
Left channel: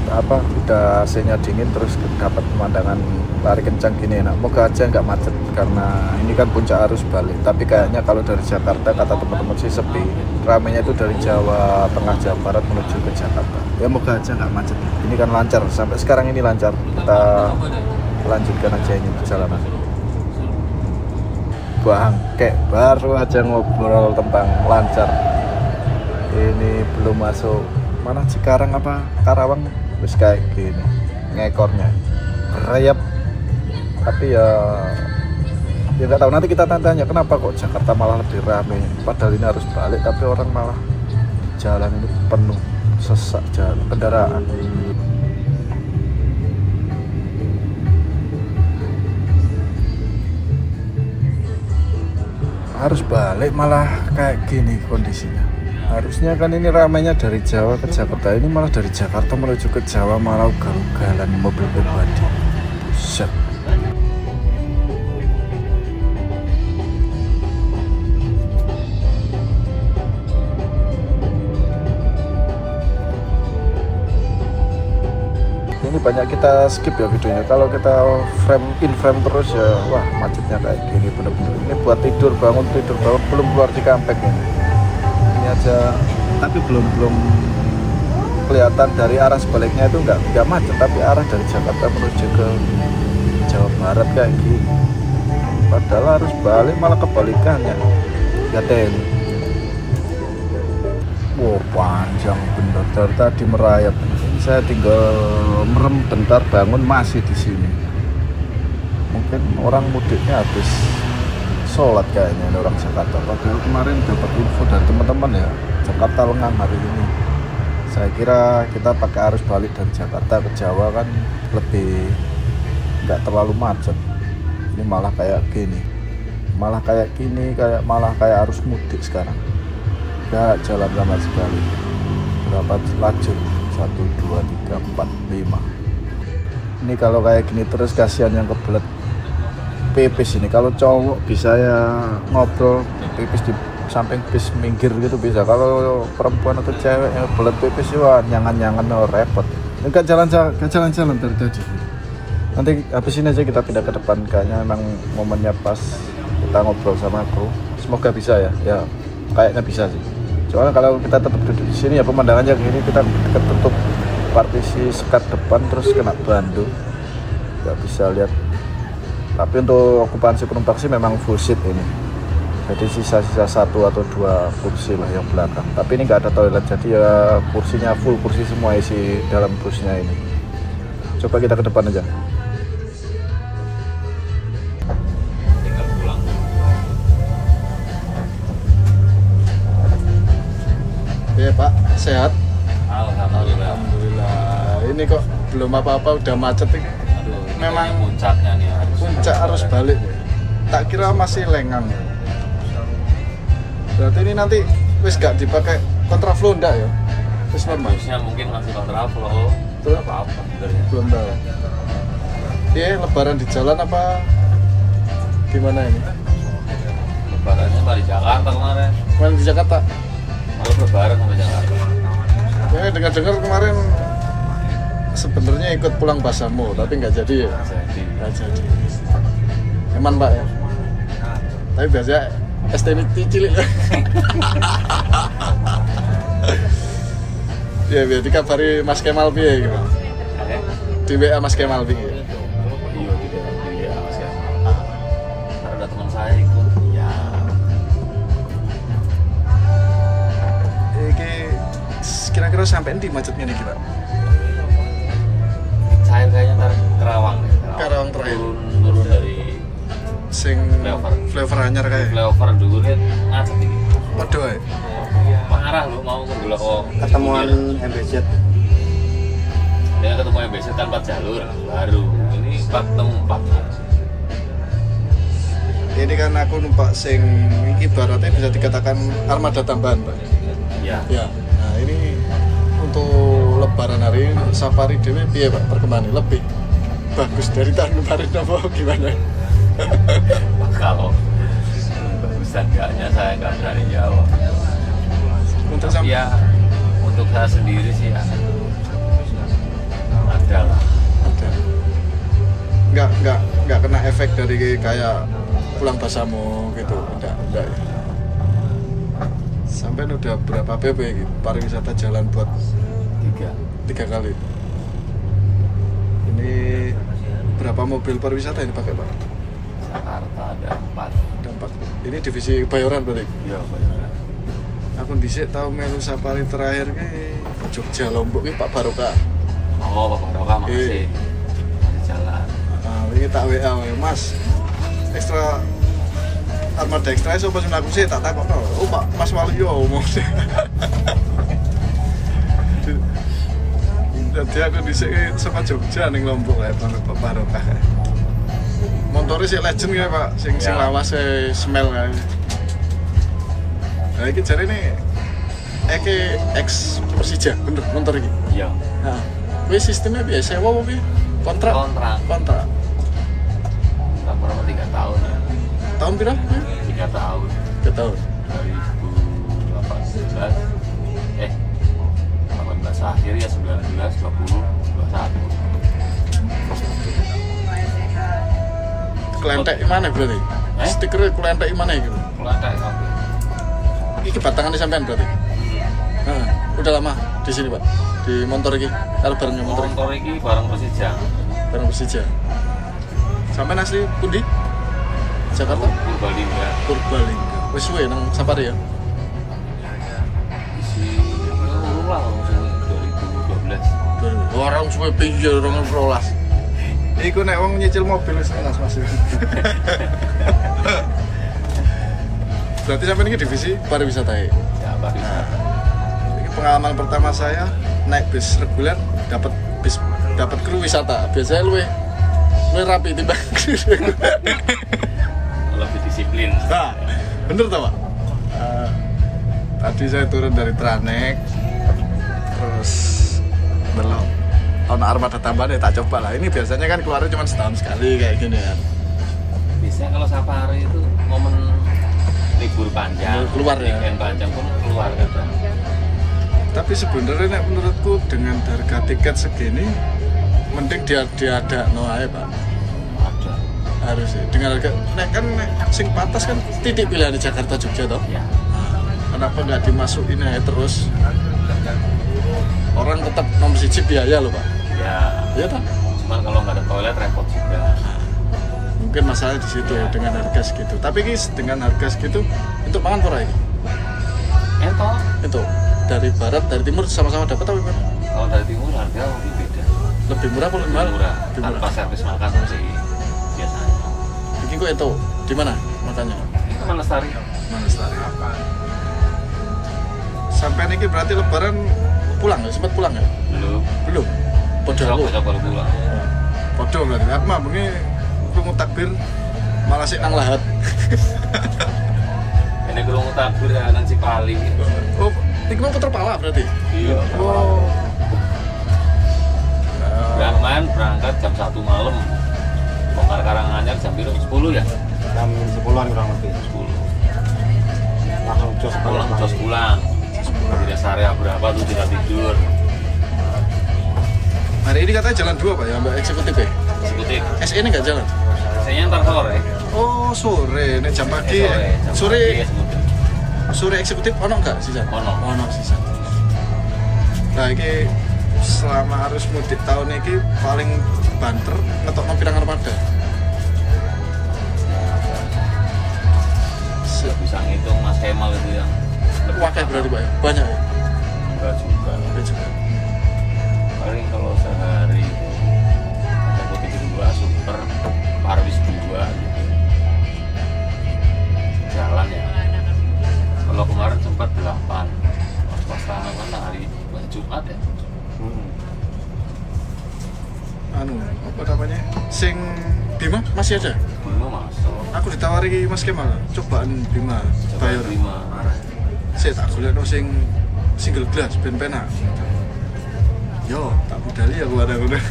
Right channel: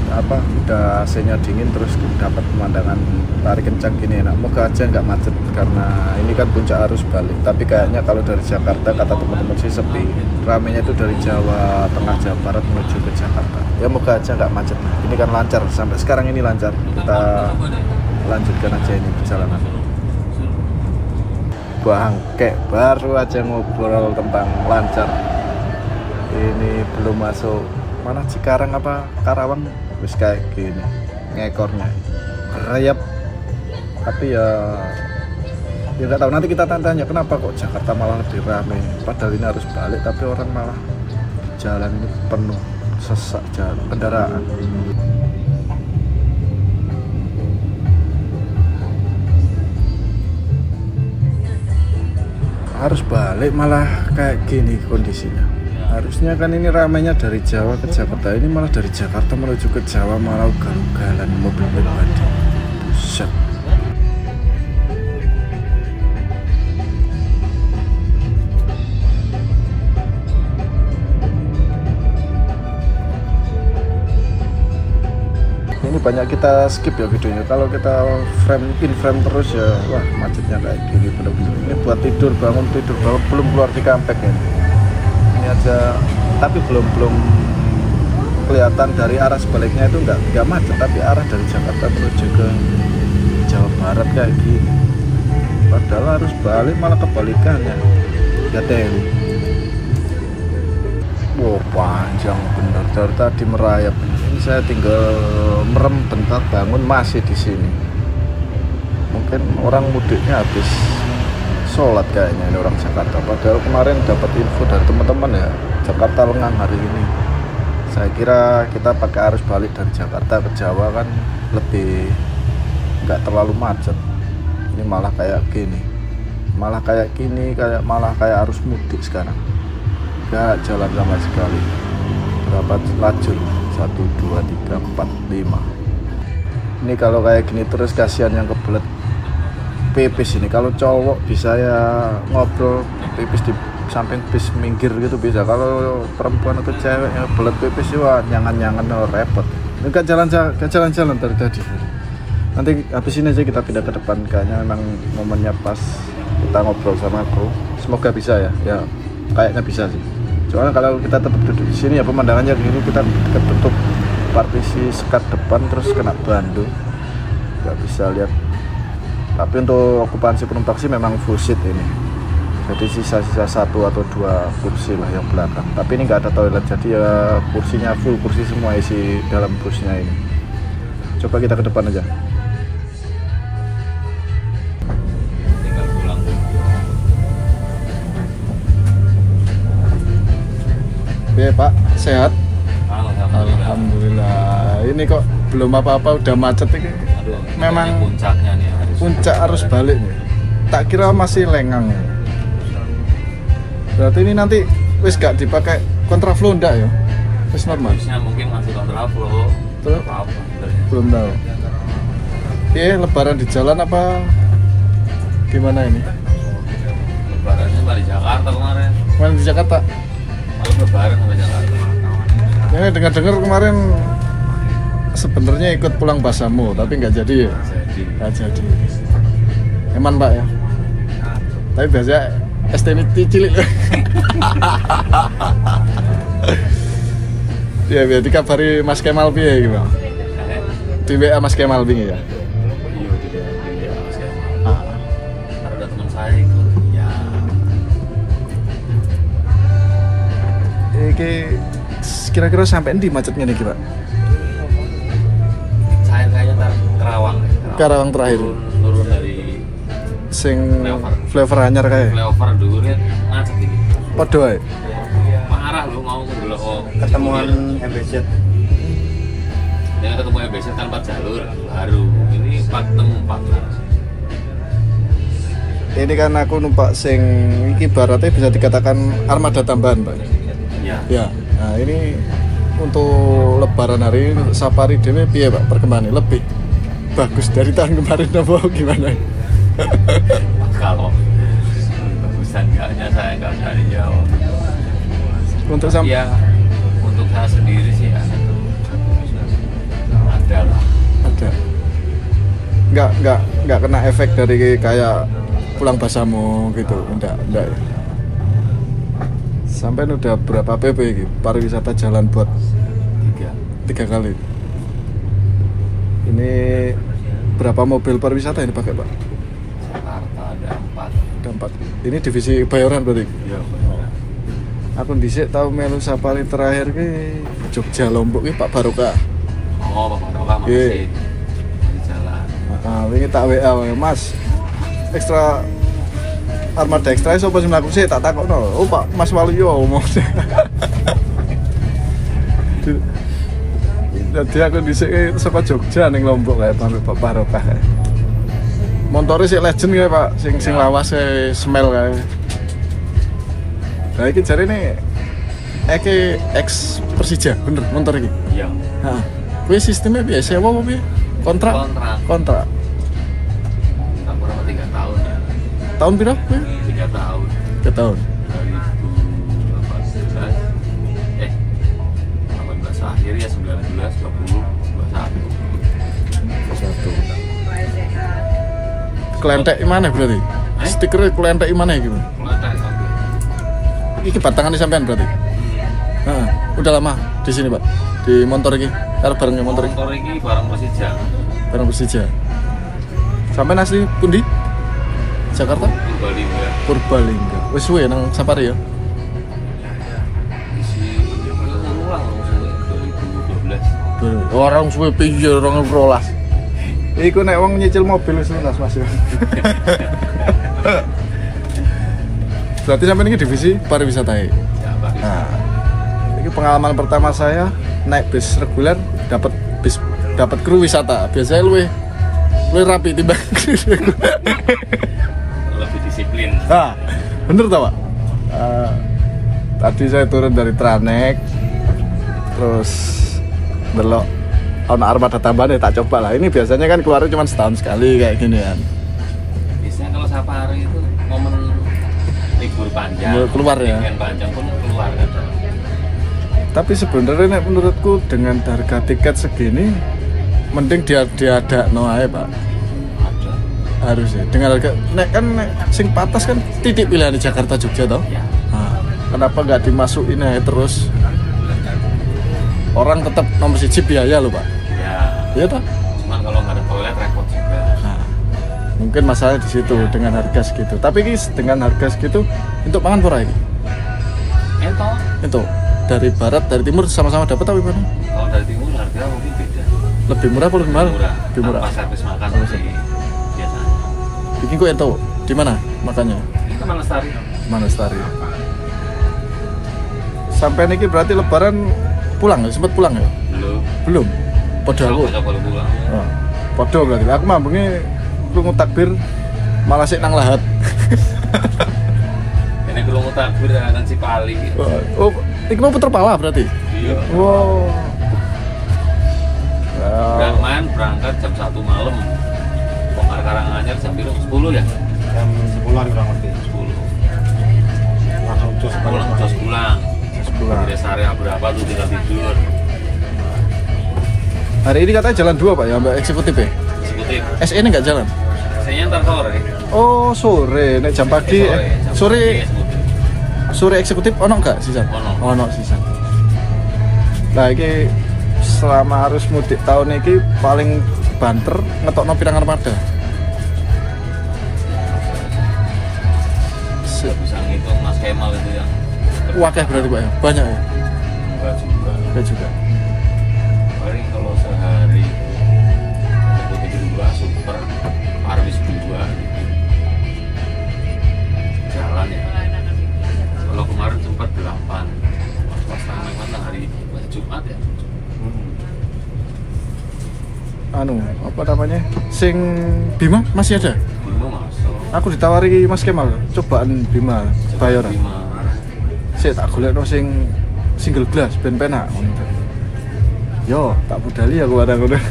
udah AC-nya dingin terus dapat pemandangan lari kencang gini enak. Moga aja nggak macet karena ini kan puncak arus balik, tapi kayaknya kalau dari Jakarta kata teman-teman sih sepi. ramenya itu dari Jawa Tengah, Jawa Barat menuju Jakarta. Ya moga aja nggak macet. Ini kan lancar, sampai sekarang ini lancar. Kita lanjutkan aja ini jalan. Bangke, baru aja ngobrol tentang lancar. Ini belum masuk. Ini Cikarang apa Karawang? Terus kayak gini, ngekornya rayap. Tapi ya nggak tahu, nanti kita tanya kenapa kok Jakarta malah lebih ramai. Padahal ini harus balik, tapi orang malah jalan penuh sesak jalan kendaraan. Harus balik malah kayak gini kondisinya. Harusnya kan ini ramainya dari Jawa ke Jakarta, ini malah dari Jakarta menuju ke Jawa malah gagalan mobil. Set. Banyak kita skip ya videonya. Kalau kita frame terus ya wah macetnya kayak gini. Belum buat tidur bangun tidur ya belum di kampung. Tapi belum kelihatan dari arah sebaliknya itu nggak macet, tapi arah dari Jakarta menuju ke Jawa Barat ya. Padahal harus balik malah kebalikan ya. Gateng. Panjang dari tadi merayap. Saya tinggal merem bentar bangun masih di sini. Mungkin orang mudiknya habis sholat kayaknya orang Jakarta. Padahal kemarin dapat info dari teman-teman ya Jakarta lengang hari ini. Saya kira kita pakai arus balik dari Jakarta ke Jawa kan lebih nggak terlalu macet. Ini malah kayak gini, malah kayak arus mudik sekarang. Nggak jalan sama sekali. Lajur 1, 2, 3, 4, 5. Ini kalau kayak gini terus kasihan yang kebelet pipis ini. Kalau cowok bisa ya ngobrol pipis di samping bis minggir gitu bisa. Kalau perempuan atau cewek ya kebelet pipis wah nyangan-nyangan repot. Enggak jalan-jalan dari tadi. Nanti habis ini aja kita pindah ke depan kayaknya memang momennya pas kita ngobrol sama aku. Semoga bisa ya kayaknya bisa. Soalnya kalau kita tetap duduk di sini ya pemandangannya gini, kita tutup partisi sekat depan terus kena banjir, nggak bisa lihat. Tapi untuk okupansi penumpang sih memang full seat ini, jadi sisa-sisa 1 atau 2 kursi di belakang. Tapi ini nggak ada toilet, jadi ya kursinya full, kursi semua isi dalam kursinya ini. Coba kita ke depan aja. Oke Pak, sehat? Alhamdulillah. Ini kok belum apa-apa udah macet ini. Aduh, ini puncaknya nih. Puncak harus balik. Tak kira masih lengang. Berarti ini nanti wis gak dipakai kontraflow enggak ya? Harusnya mungkin masih kontraflow. Apa-apa sebenarnya. Belum tahu. Lebaran di jalan apa gimana ini? Lebarannya di Jakarta kemarin. Kemarin di Jakarta? Kalau lebaran sampai Jakarta. Saya dengar-dengar kemarin sebenarnya ikut pulang Basamu, tapi nggak jadi. Nggak jadi. Aman Pak. Tapi biasa STNT cilik. Ya berarti kabari Mas Kemal piye ya gitu. Di WA Mas Kemal piye ya? Iya di WA Mas Kemal. Ada teman saya ikut. Ya. Kira-kira sampai di macetnya nih Pak? Saya kayaknya Karawang. Karawang terakhir. Turun dari sing flavor anyar kayak. Flavor dulu kan macet iki. Padha ae. Parah lu mau ke Bulog Ketemuan MBZ. Dia ketemu MBZ kan 4 jalur baru. Ini 4 Ini kan aku numpak sing iki baratnya bisa dikatakan armada tambahan Pak. Iya. Ya. Nah ini untuk lebaran hari ini safari dewe piye Pak perkembangannya lebih bagus dari tahun kemarin apa gimana? Kalau bagusan enggaknya saya nggak dari jauh. Untuk tapi ya untuk saya sendiri sih ya ada lah. Oke. Nggak kena efek dari kayak pulang Basamu gitu, enggak. Sampai udah berapa PP ini pariwisata jalan buat 3 kali. Ini berapa mobil pariwisata ini pakai Pak? Jakarta ada 4. Ada 4. Ini divisi Bayoran berarti? Iya, Bayoran. Aku dhisik tahu melu safari terakhir ke Jogja Lombok ini Pak Barokah. Oh, Pak Barokah masih jalan. Ini tak WA Mas. Ekstra armada ekstra iso pas mlaku sih tak takokno. Oh Pak Mas Waluyo ngomong. Jadi aku dhisik saka Jogja ning Lombok kae Pak Barokah. Montore sik legend kae Pak, sing lawas smell kae. Nah iki jarine ex Persija, bener motor iki. Iya. Heeh. Kuwi sistemnya biasa apa kuwi? Kontrak. Berapa 3 tahun ya? Tahun berapa? 3 tahun. 3 tahun. 2018 akhir ya 19, 20, 21. Kelentek mana berarti? Stikernya kelentek mana gitu? Kelentek sampai. Ini batangannya sampean berarti? Nah, udah lama di sini Pak? Di motor ini? Kalau bareng motor ini bareng Persija. Bareng Persija. Sampai asli pundi? Jakarta? Purbalingga. Purbalingga. Wes suwe nang safari ya? Isi ulang 2012. Orang suwe pinggir orang rolas. Iku nek wong nyicil mobil wis lunas Mas. Berarti sampai ini divisi pariwisata ya? Ya, pariwisata. Nah, ini pengalaman pertama saya naik bis reguler dapat kru wisata. Biasanya lebih rapi tiba. Lebih disiplin. Nah, bener tau Pak? Tadi saya turun dari Tranek, terus belok ono armada tambahan tak coba lah. Ini biasanya kan keluarnya cuma setahun sekali kayak gini kan. Biasanya kalau safari itu momen libur panjang, keluar ya. Weekend panjang pun keluar gitu. Tapi sebenarnya menurutku dengan harga tiket segini mending dia ada noae Pak. Ada. Harusnya dengan harga kan sing patas kan titik pilihan di Jakarta Jogja toh. Ya. Nah, kenapa nggak dimasukin aja terus? Orang tetap nomor 1 biaya loh Pak. Ya. Iya toh. Cuma kalau nggak ada toilet repot juga. Nah, mungkin masalahnya di situ dengan harga segitu. Tapi dengan harga segitu untuk makan murah ini. Itu dari barat dari timur sama-sama dapat tapi mana? Kalau dari timur harga mungkin beda. Lebih murah atau lebih mahal? Lebih murah. Tanpa servis makan sih biasanya. Ini kok tahu di mana makannya? Ini ke Manastari. Manastari. Sampai niki berarti Lebaran pulang ya? Sempat pulang ya? Belum. Padahal baru pulang. Podo berarti. Aku mambungnya krungu takbir malah sik nang lahat. Ini krungu takbir akan Cipali. Oh, iki mau puter pala berarti? Iya. Wow. Zaman berangkat jam 1 malam. Bongkar Karanganyar jam 10 ya? Jam 10-an kurang lebih. 10. Langsung pulang. Di area berapa tuh kita tidur. Hari ini katanya jalan 2 Pak ya, Mbak eksekutif ya? Eksekutif. SE ini nggak jalan? SE-nya ntar sore. Oh sore, nek jam pagi. Sore eksekutif ono nggak sisa? Ono sisa. Nah ini selama arus mudik tahun ini paling banter ngetokno pirang armada. Nggak bisa ngitung Mas Kemal itu yang wakil berarti Pak ya? Banyak ya? Enggak juga. Paling kalau sehari eksekutif 2, super, parwis 2 gitu. Jalan ya. Kalau kemarin sempat 8. Pas mana hari Jumat ya? Anu, apa namanya? Sing Bima masih ada? Bima Mas. Aku ditawari Mas Kemal, cobaan Bima Bayoran. Saya tak golekno sing single glass ben penak. Yo, tak budali aku barang-barang.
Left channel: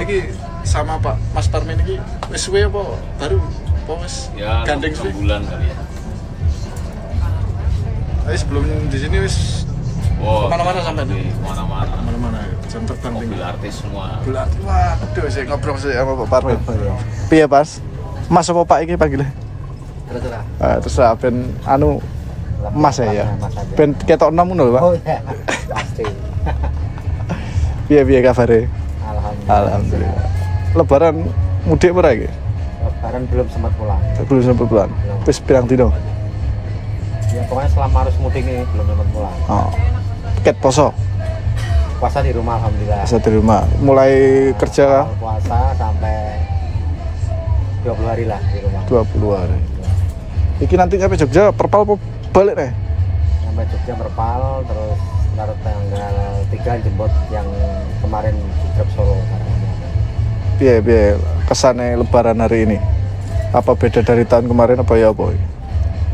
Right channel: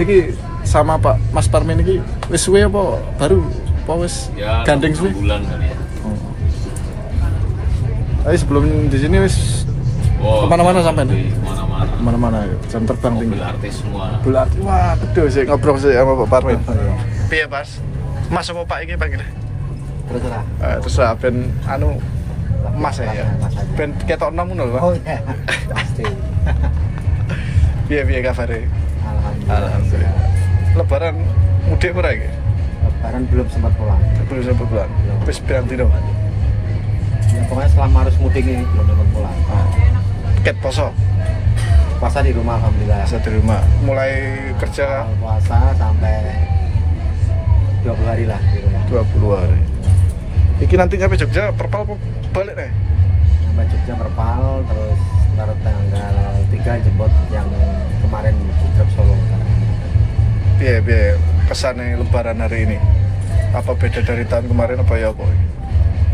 Iki sama Pak Mas Parmin iki wis suwe apa baru? Apa wis ya, gandeng suwe? Bulan kan ya. Tapi sebelum di sini wis kemana-mana sampai mana-mana jam terbang tinggi. Mobil artis semua. Mobil artis, waduh sih ngobrol sih sama Pak Parmin. Piye Pas? Mas apa Pak iki panggilnya? Terus ben anu emas ya. Ben ketok enom ngono, Pak. Oh iya, pasti. Piye kabare? Alhamdulillah. Lebaran mudik ora iki? Lebaran belum sempat pulang. Belum sempat pulang. Wis pirang dino? Ya pokoknya selama harus mudik ini belum sempat pulang. Oh. Ket poso. Puasa di rumah alhamdulillah. Puasa di rumah. Mulai kerja puasa sampai 20 hari lah di rumah. 20 hari. Iki nanti nyampe Jogja perpal balik nih? Nyampe Jogja perpal, terus ntar tanggal 3 jemput yang kemarin di Truk Solo. Biar kesannya lebaran hari ini. Apa beda dari tahun kemarin apa ya boy?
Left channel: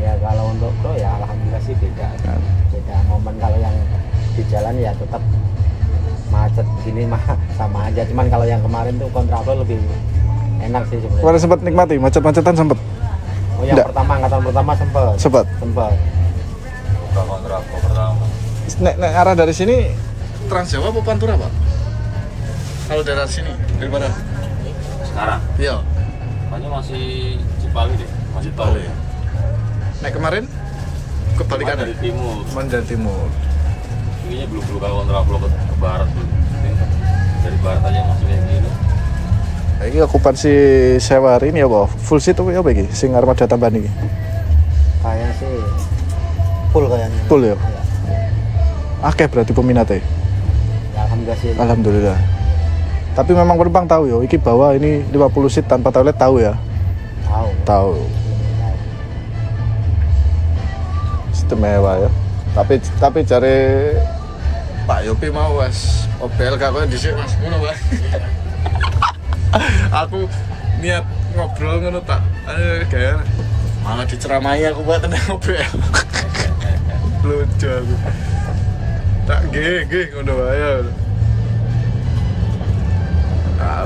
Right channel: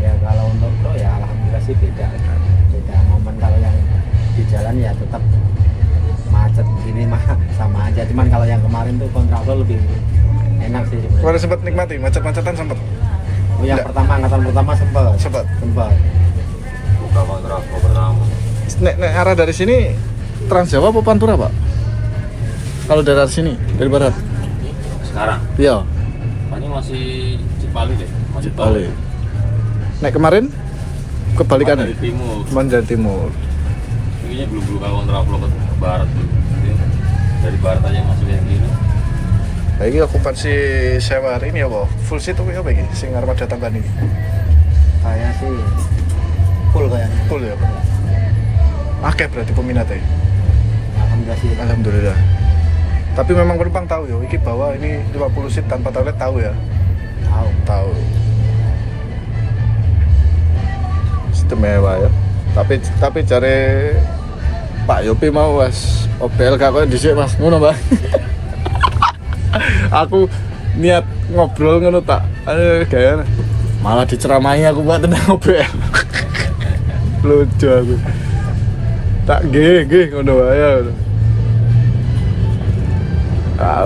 Ya kalau untuk lo ya alhamdulillah sih beda momen. Kalau yang di jalan ya tetap macet begini mah sama aja, cuman kalau yang kemarin tuh kontraflow lebih enak sih sebenarnya. Kemarin sempat nikmati macet-macetan sempat? Oh yang pertama, angkatan pertama sempat buka kontraflow pertama. Nek arah dari sini Trans Jawa apa Pantura Pak? Kalau dari sini dari mana? Sekarang Iya ini masih Cipali deh, masih Cipali. Nek kemarin kebalikannya? Dari timur. Ini belum buka kontraflow ke barat tuh. Dari barat aja masuk yang gini. Ini okupansi sewa hari ini apa? Full seat apa ya iki? Sing armada tambahan iki? Kayaknya sih full kayaknya. Full ya? Akeh berarti peminatnya? Alhamdulillah sih. Alhamdulillah. Tapi memang penumpang tahu ya, iki bawa ini 50 seat tanpa toilet tahu ya? Tahu. Istimewa ya. Tapi cari Pak Yopi mau Mas, OBLK kok dhisik Mas, ngono Pak. Aku niat ngobrol ngono tak gaya malah diceramahi aku buat tentang OBL. Lucu aku. Tak nggih ngono wae.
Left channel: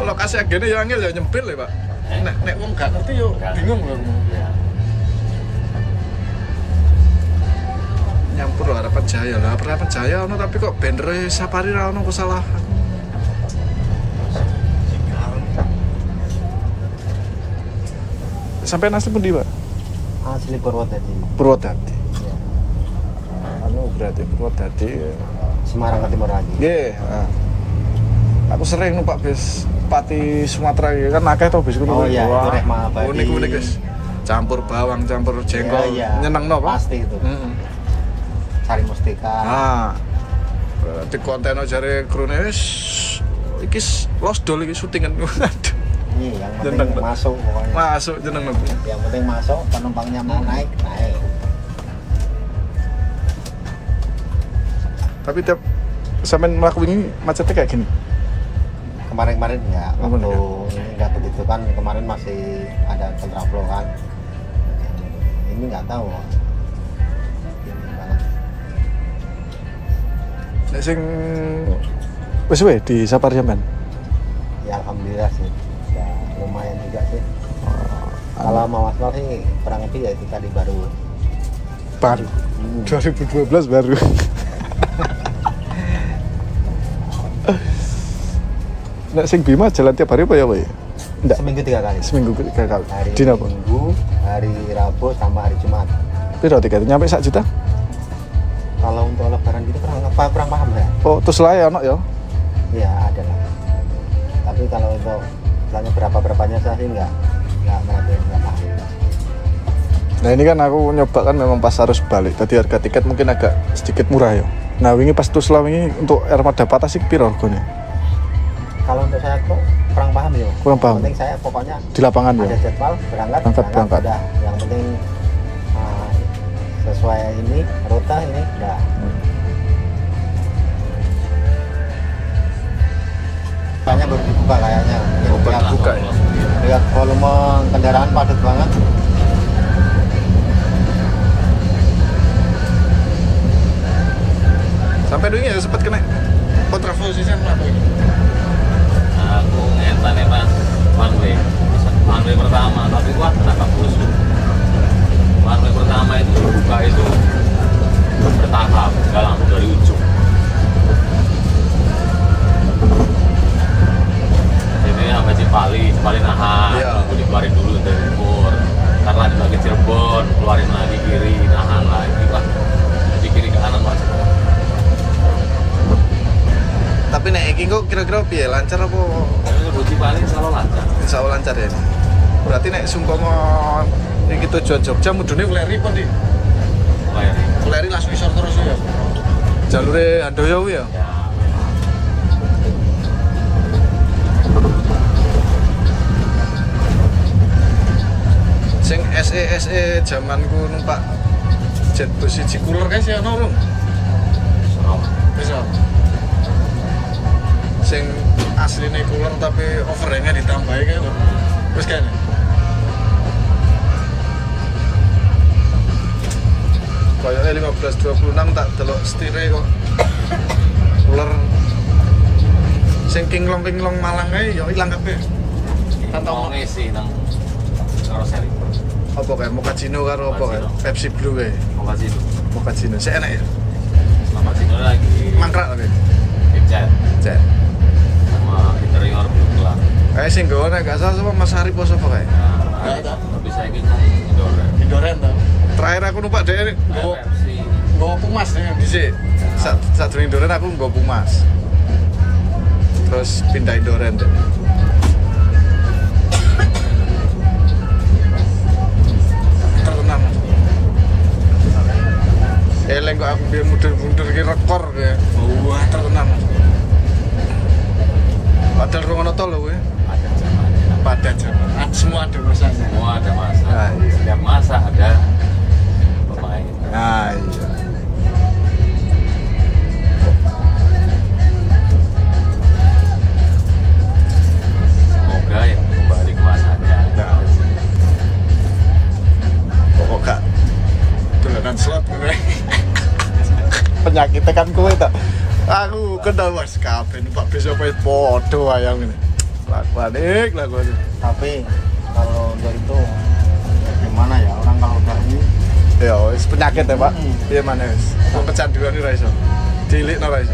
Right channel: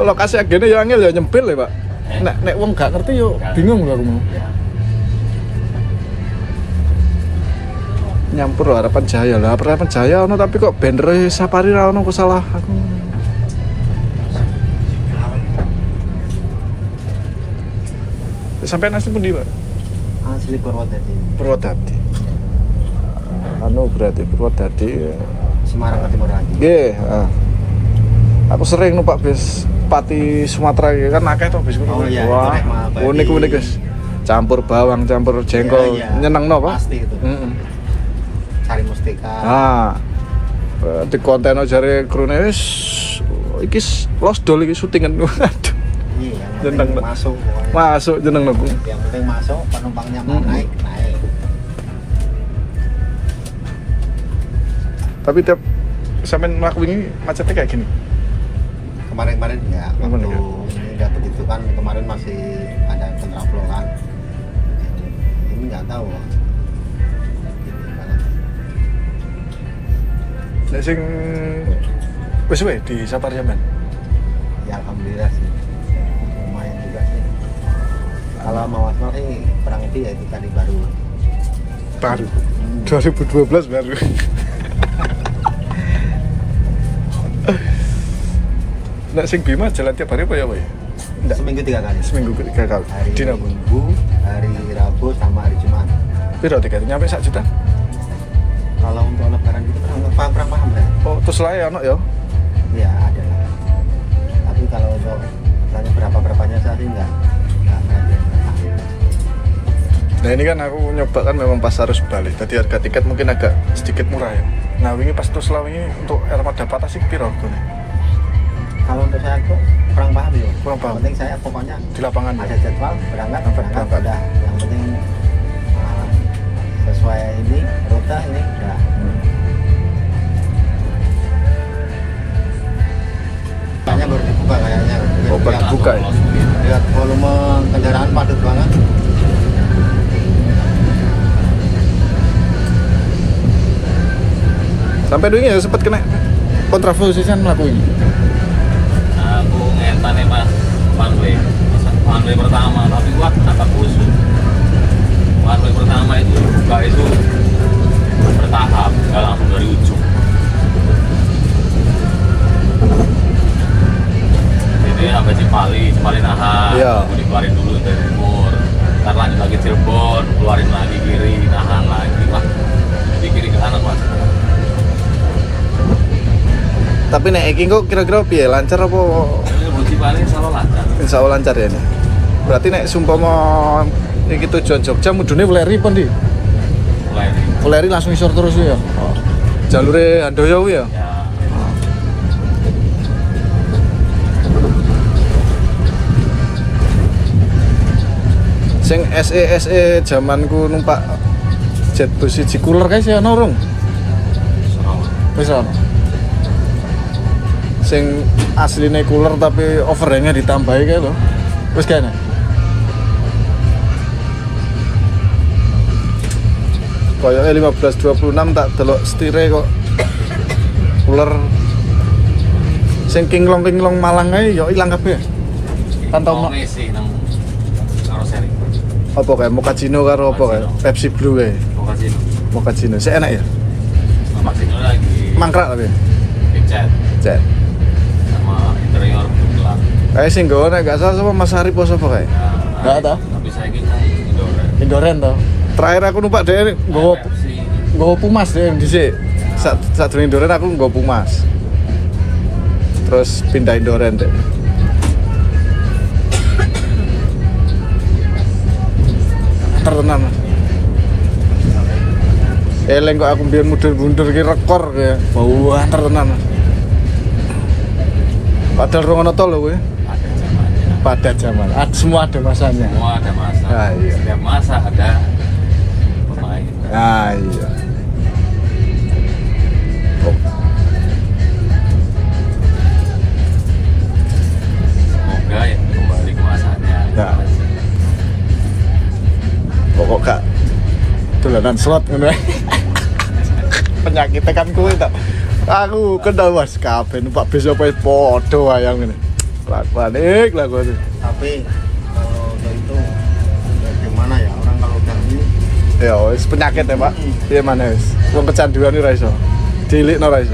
Lokasi agene ya angel ya nyempil ya, Pak. Nek wong gak ngerti yo bingung ya. Nyampur Harapan Jaya lah, Harapan Jaya ono tapi kok banner Safari ra ono, kok salah aku. Sampai nasi pun di Pak? Asli Purwodadi. Purwodadi. Anu berarti Purwodadi Semarang ke timur lagi. Nggih, aku sering numpak bis Pati Sumatera kan akeh to bis kuwi. Iya, wah, unik-unik guys. Campur bawang, campur jengkol, iya. Nyenengno Pak. Pasti itu. Sari Mustika. Di konten jare krune wis iki los dol iki syutingan. Aduh. Jeneng Masuk jeneng aku. Yang penting masuk, penumpangnya naik. Tapi tiap sampean mlaku ini macetnya kayak gini. Kemarin enggak. Ini enggak begitu kan, kemarin masih ada kontraflow kan. Ini enggak tahu. Nek sing wis wae di Safari Jaman. Ya alhamdulillah sih. Ya, lumayan juga sih. Kalau mau asal sih kurang lebih ya itu tadi baru 2012 baru. Nek sing Bima jalan tiap hari apa ya, Pak? Enggak, seminggu 3 kali. Seminggu 3 kali. Hari Dina Minggu, hari Rabu sama hari Jumat. Piro tiketnya nyampe 1 juta? Kalau untuk lebaran kita kurang paham ya. Oh, terus lah ya, ya? Iya, ada lah. Tapi kalau untuk misalnya berapa-berapanya saya sih enggak paham. Nah ini kan aku nyoba kan memang pas harus balik. Tadi harga tiket mungkin agak sedikit murah ya. Nah wingi pas Tusla wingi untuk Armada Patah sih piro harganya? Kalau untuk saya tuh kurang paham ya. Kurang paham. Yang penting saya pokoknya Di lapangan ada ya? jadwal berangkat. Udah. Yang penting sesuai ini rute ini ya. Kayaknya baru dibuka kayaknya. Oh, baru dibuka ya? Ya volume kendaraan padat banget. Sampai dulu ya sempat kena kontraflow sih kan aku. Aku ngentan nih Mas, one way pertama, tapi gua dapat busuk. One way pertama itu buka itu bertahap, nggak langsung dari ujung. Jadi sampai Cipali nahan, Iya. aku dikeluarin dulu dari timur, ntar lanjut lagi Cirebon. Tapi nek iki kok kira-kira piye? Lancar apa? Boji paling selalu lancar. Insya Allah lancar ya ini. Berarti nek sumpama iki tujuan Jogja mudune Weleri pun di. Weleri langsung isor terus ya. Jalure Handoyo kuwi ya. Sing SE zamanku numpak jet bus siji cooler guys ya ono rung. Wis sing asline cooler tapi overhangnya ditambahi kae lho. Wis kene. Koyoke 1526 tak delok stire kok. Cooler sing kinglong Malang ae ya ilang kabeh. Kantong ngisi nang karoseri. Apa kayak Mochaccino karo apa kayak Pepsi Blue kayak Mochaccino sih enak ya Mochaccino lagi mangkrak tapi cat sama interior kayak sih gak ada gak salah sama Mas Arif apa kayak gak ada tapi saya ingin Indoren toh terakhir aku numpak deh gue Pumas ya di sini saat Indoren aku gue Pumas terus pindah Indoren deh. Tenan. Eleng kok aku biar mundur ki rekor kayak. Wah, tenan. Padahal rong ono tol lho kowe. Padat zaman. Semua ada masanya. Semua ada masa. Nah, iya. Setiap masa ada pemain. Nah, iya. Oh. Semoga ya kembali ke masanya. Ya. Kok gak dolanan slot ngono ae. Penyakit kan kowe ta. Aku kendal was kabeh numpak bis apa padha wayang ngene. Panik lah gua tuh. Tapi kalau untuk itu ya gimana ya orang kalau gani Ya wis penyakit ya, Pak. Piye maneh wis. Wong kecanduan ora iso. Dilikno ora iso.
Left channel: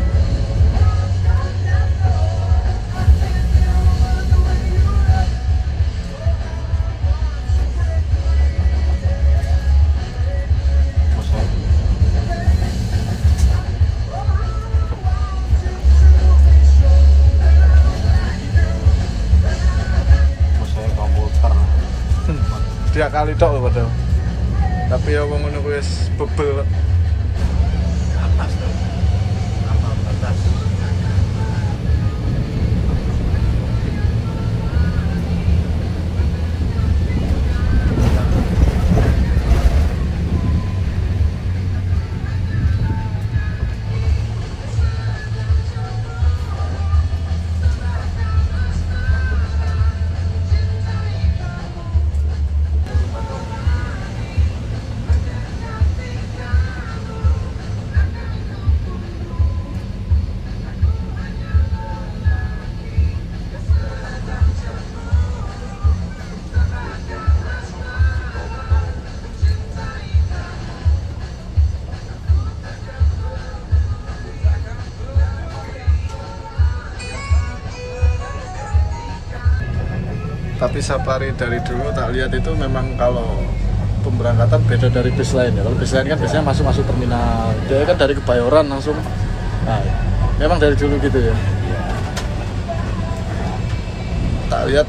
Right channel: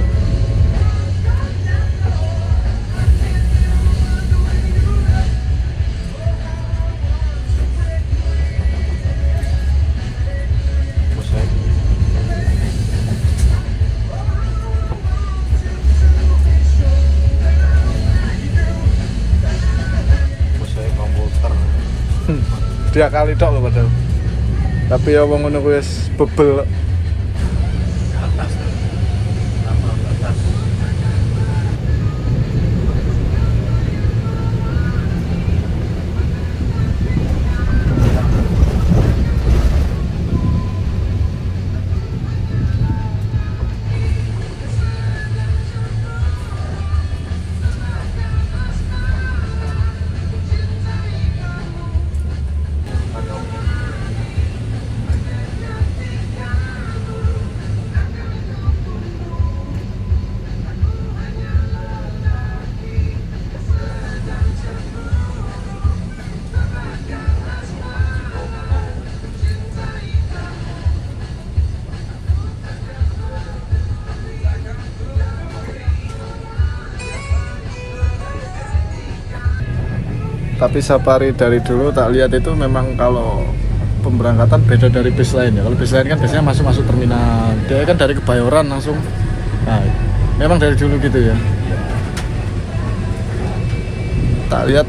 Dia kali tok lho padahal. Tapi ya wong ngono kuwi wis bebel. Tapi safari dari dulu tak lihat itu memang kalau pemberangkatan beda dari bis lain. Kalau bis lain kan biasanya masuk terminal. Dia kan dari Kebayoran langsung. Nah, memang dari dulu gitu ya. Tak lihat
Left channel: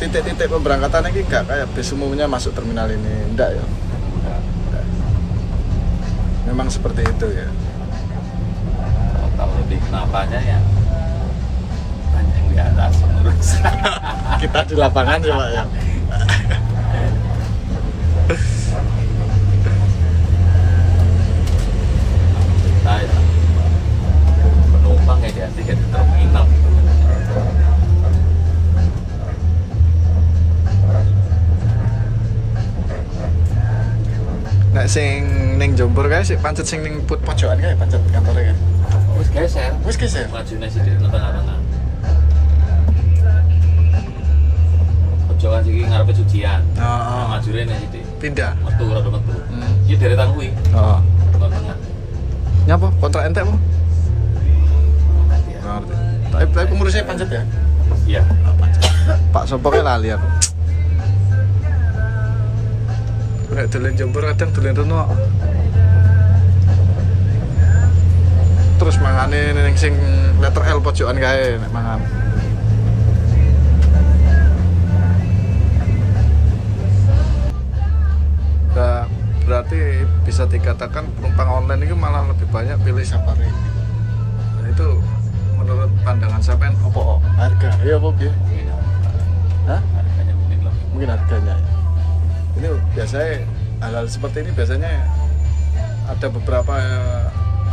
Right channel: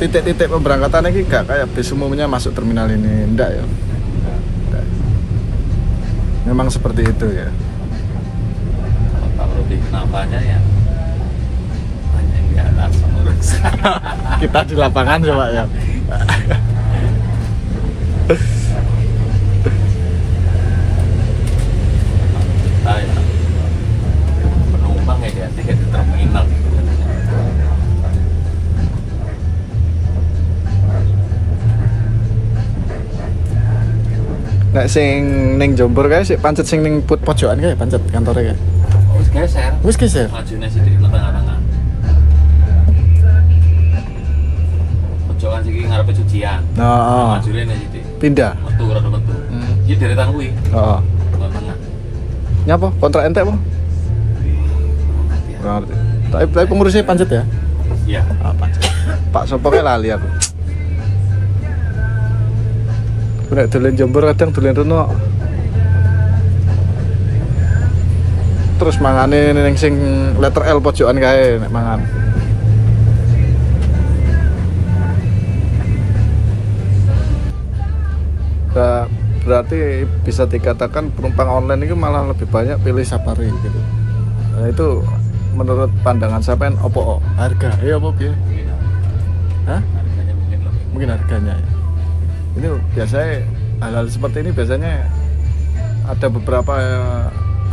titik-titik pemberangkatan ini enggak kayak bis umumnya masuk terminal ini, enggak ya. Memang seperti itu ya. Kalau di kenapanya ya hanya yang di atas mengurus. Kita di lapangan coba ya. Penumpang ya dia tiket di terminal. Nek sing ning Jombor kae sik pancet sing ning pojokan kae pancet kantore kae. Wis geser. Majune sih di tengah-tengah. Pojokan iki ngarepe cucian. Heeh. Majune nek iki. Pindah. Metu ora metu. Iki deretan kuwi. Heeh. Tengah. Nyapa? Kontrak entek apa? Ora ngerti. Tapi pengurusnya pancet ya? Iya. Pak sopo kae lali aku. Nek dolen Jombor kadang dolen rono. terus mangane ning sing letter L pojokan kae nek mangan. Nah, berarti bisa dikatakan penumpang online itu malah lebih banyak pilih safari. Nah, itu menurut pandangan sampean opo harga ya opo piye? Hah? Mungkin harganya. Ini biasanya hal-hal seperti ini biasanya ada beberapa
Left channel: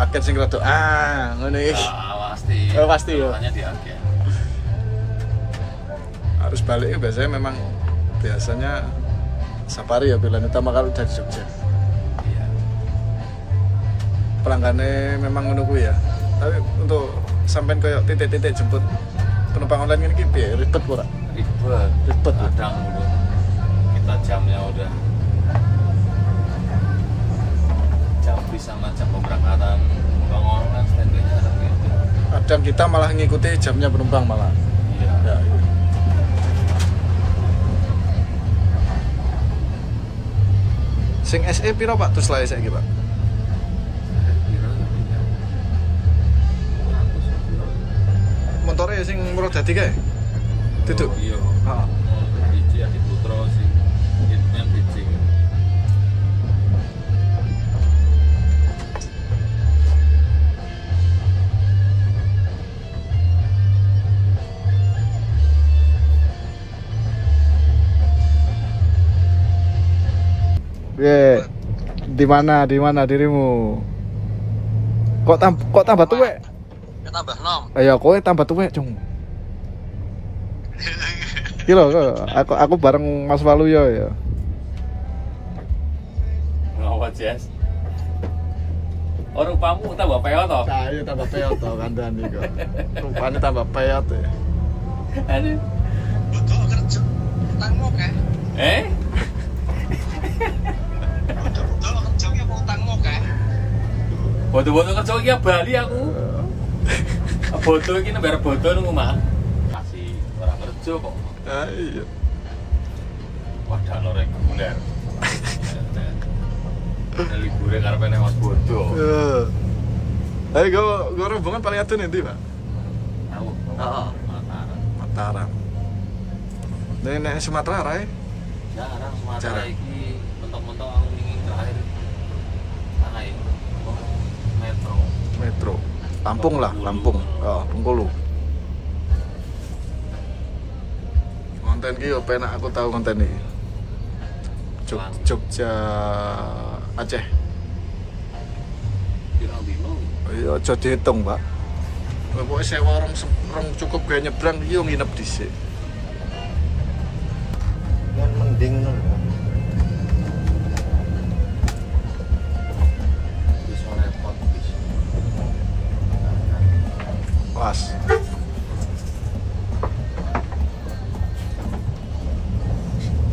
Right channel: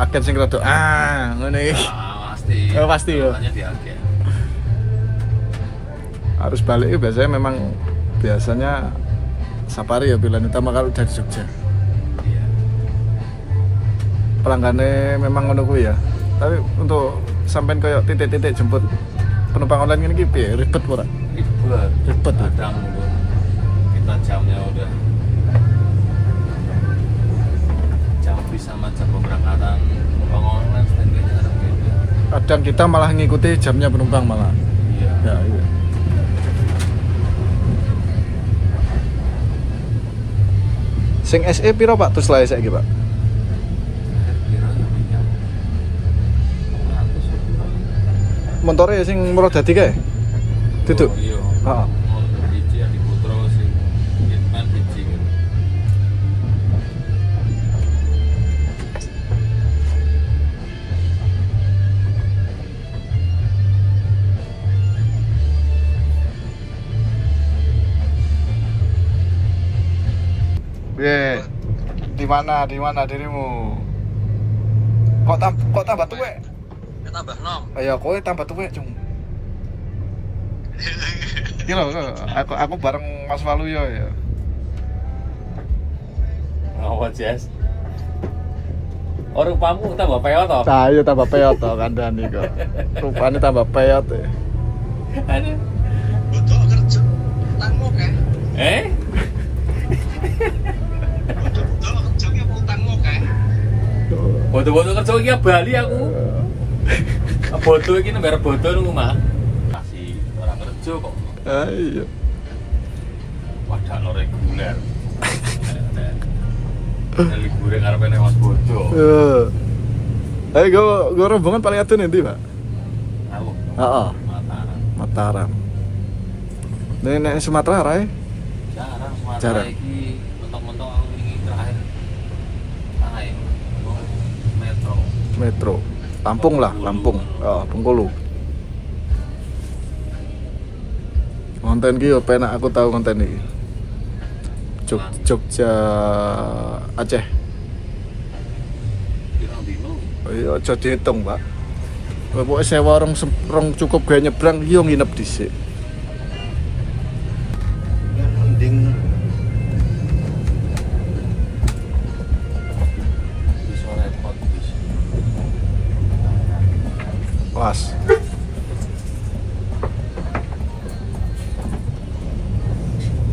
agen sing rada ngene iki. Pasti. Oh, pasti loh. Hanya di agen. Harus balik itu biasanya safari ya bilangnya tambah kalau dari Jogja. Iya. Pelanggannya memang menunggu ya. Tapi untuk sampai kayak titik-titik jemput penumpang online ini piye? Ribet ora? Ribet kadang kita jamnya udah jam bisa macam pemberangkatan penumpang online standarnya. Kadang kita malah ngikuti jamnya penumpang malah. Iya. Ya. Sing SE piro Pak terus lae saiki Pak? Montore sing murah dadi kae? Duduk. Iya. Heeh. Biji Adi Putro sing Hitman biji. Di mana dirimu? Kok tambah tuwek? Ya tambah nom. Ya kowe tambah tuwek, Cung. Iki lho, aku bareng Mas Waluyo ya. Oh, Jess. Rupamu tambah peot toh? Nah, iya tambah peot to kandhane kok. Rupane tambah peot ya. Ane. Butuh kerja utangmu kae. Butuh kerja ki apa utangmu kae? Bodo-bodo kerja iki Bali aku. Bodo iki nembar bodo nang omah. Masih orang kerja kok. Ah iya. Wadah lo reguler. Liburan arepene Mas Bodo. Ayo go rombongan paling adun endi, Pak? Aku. Heeh. Mataram. Nek Sumatera rae? Jarang. Iki mentok-mentok iki terakhir. Sana ya. Metro. Lampung lah, Lampung. Oh, Bengkulu. Konten ki yo penak aku tahu konten iki. Jogja Aceh. Iya, aja dihitung, Pak. Pokoke sewa rong cukup gawe nyebrang yo nginep dhisik. Mending pas.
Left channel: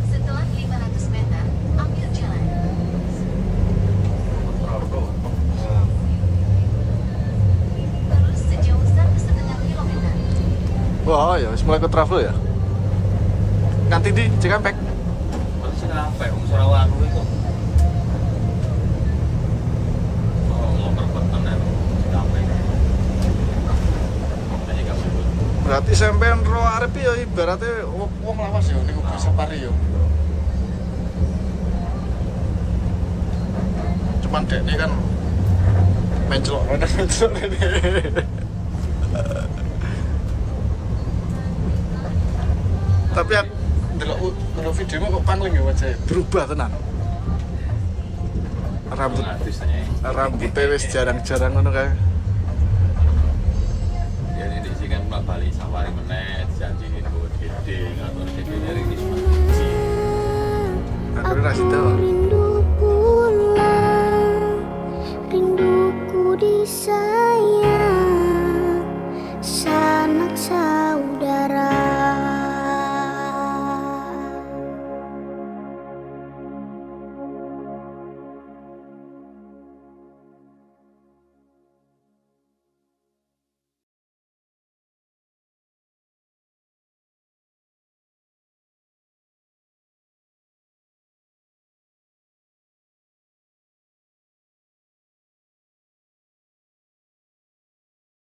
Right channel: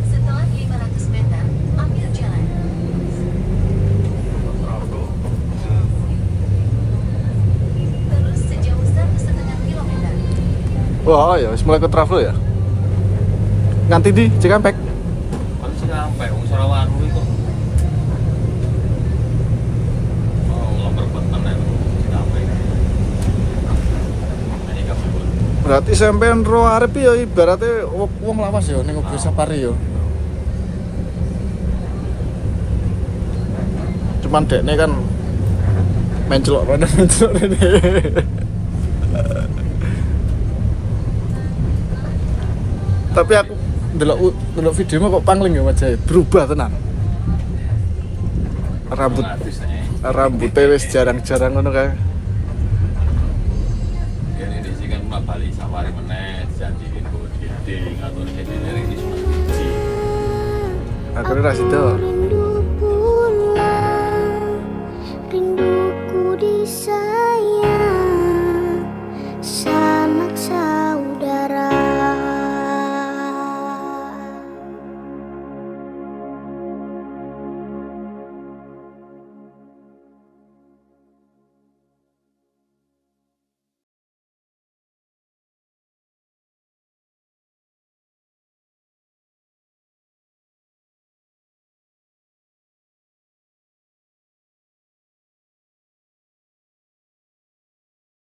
Setelah 500 meter, ambil jalan. Terus sejauh 1,5 kilometer. Wah, ya wis mulai ke travel ya. Nganti di Cikampek. Aku Cikampek, wong Surawangu iku. Berarti sampean ro arep ya ibaratnya wong lawas ya ning mobil safari ya. Cuman dekne kan mencelok rene. Tapi aku ndelok videomu kok pangling ya Mas, berubah tenan. Rambutnya wis jarang-jarang ngono kae. Bali safari meneh janjiin gue gede ngatur gede ini akhirnya ra sido.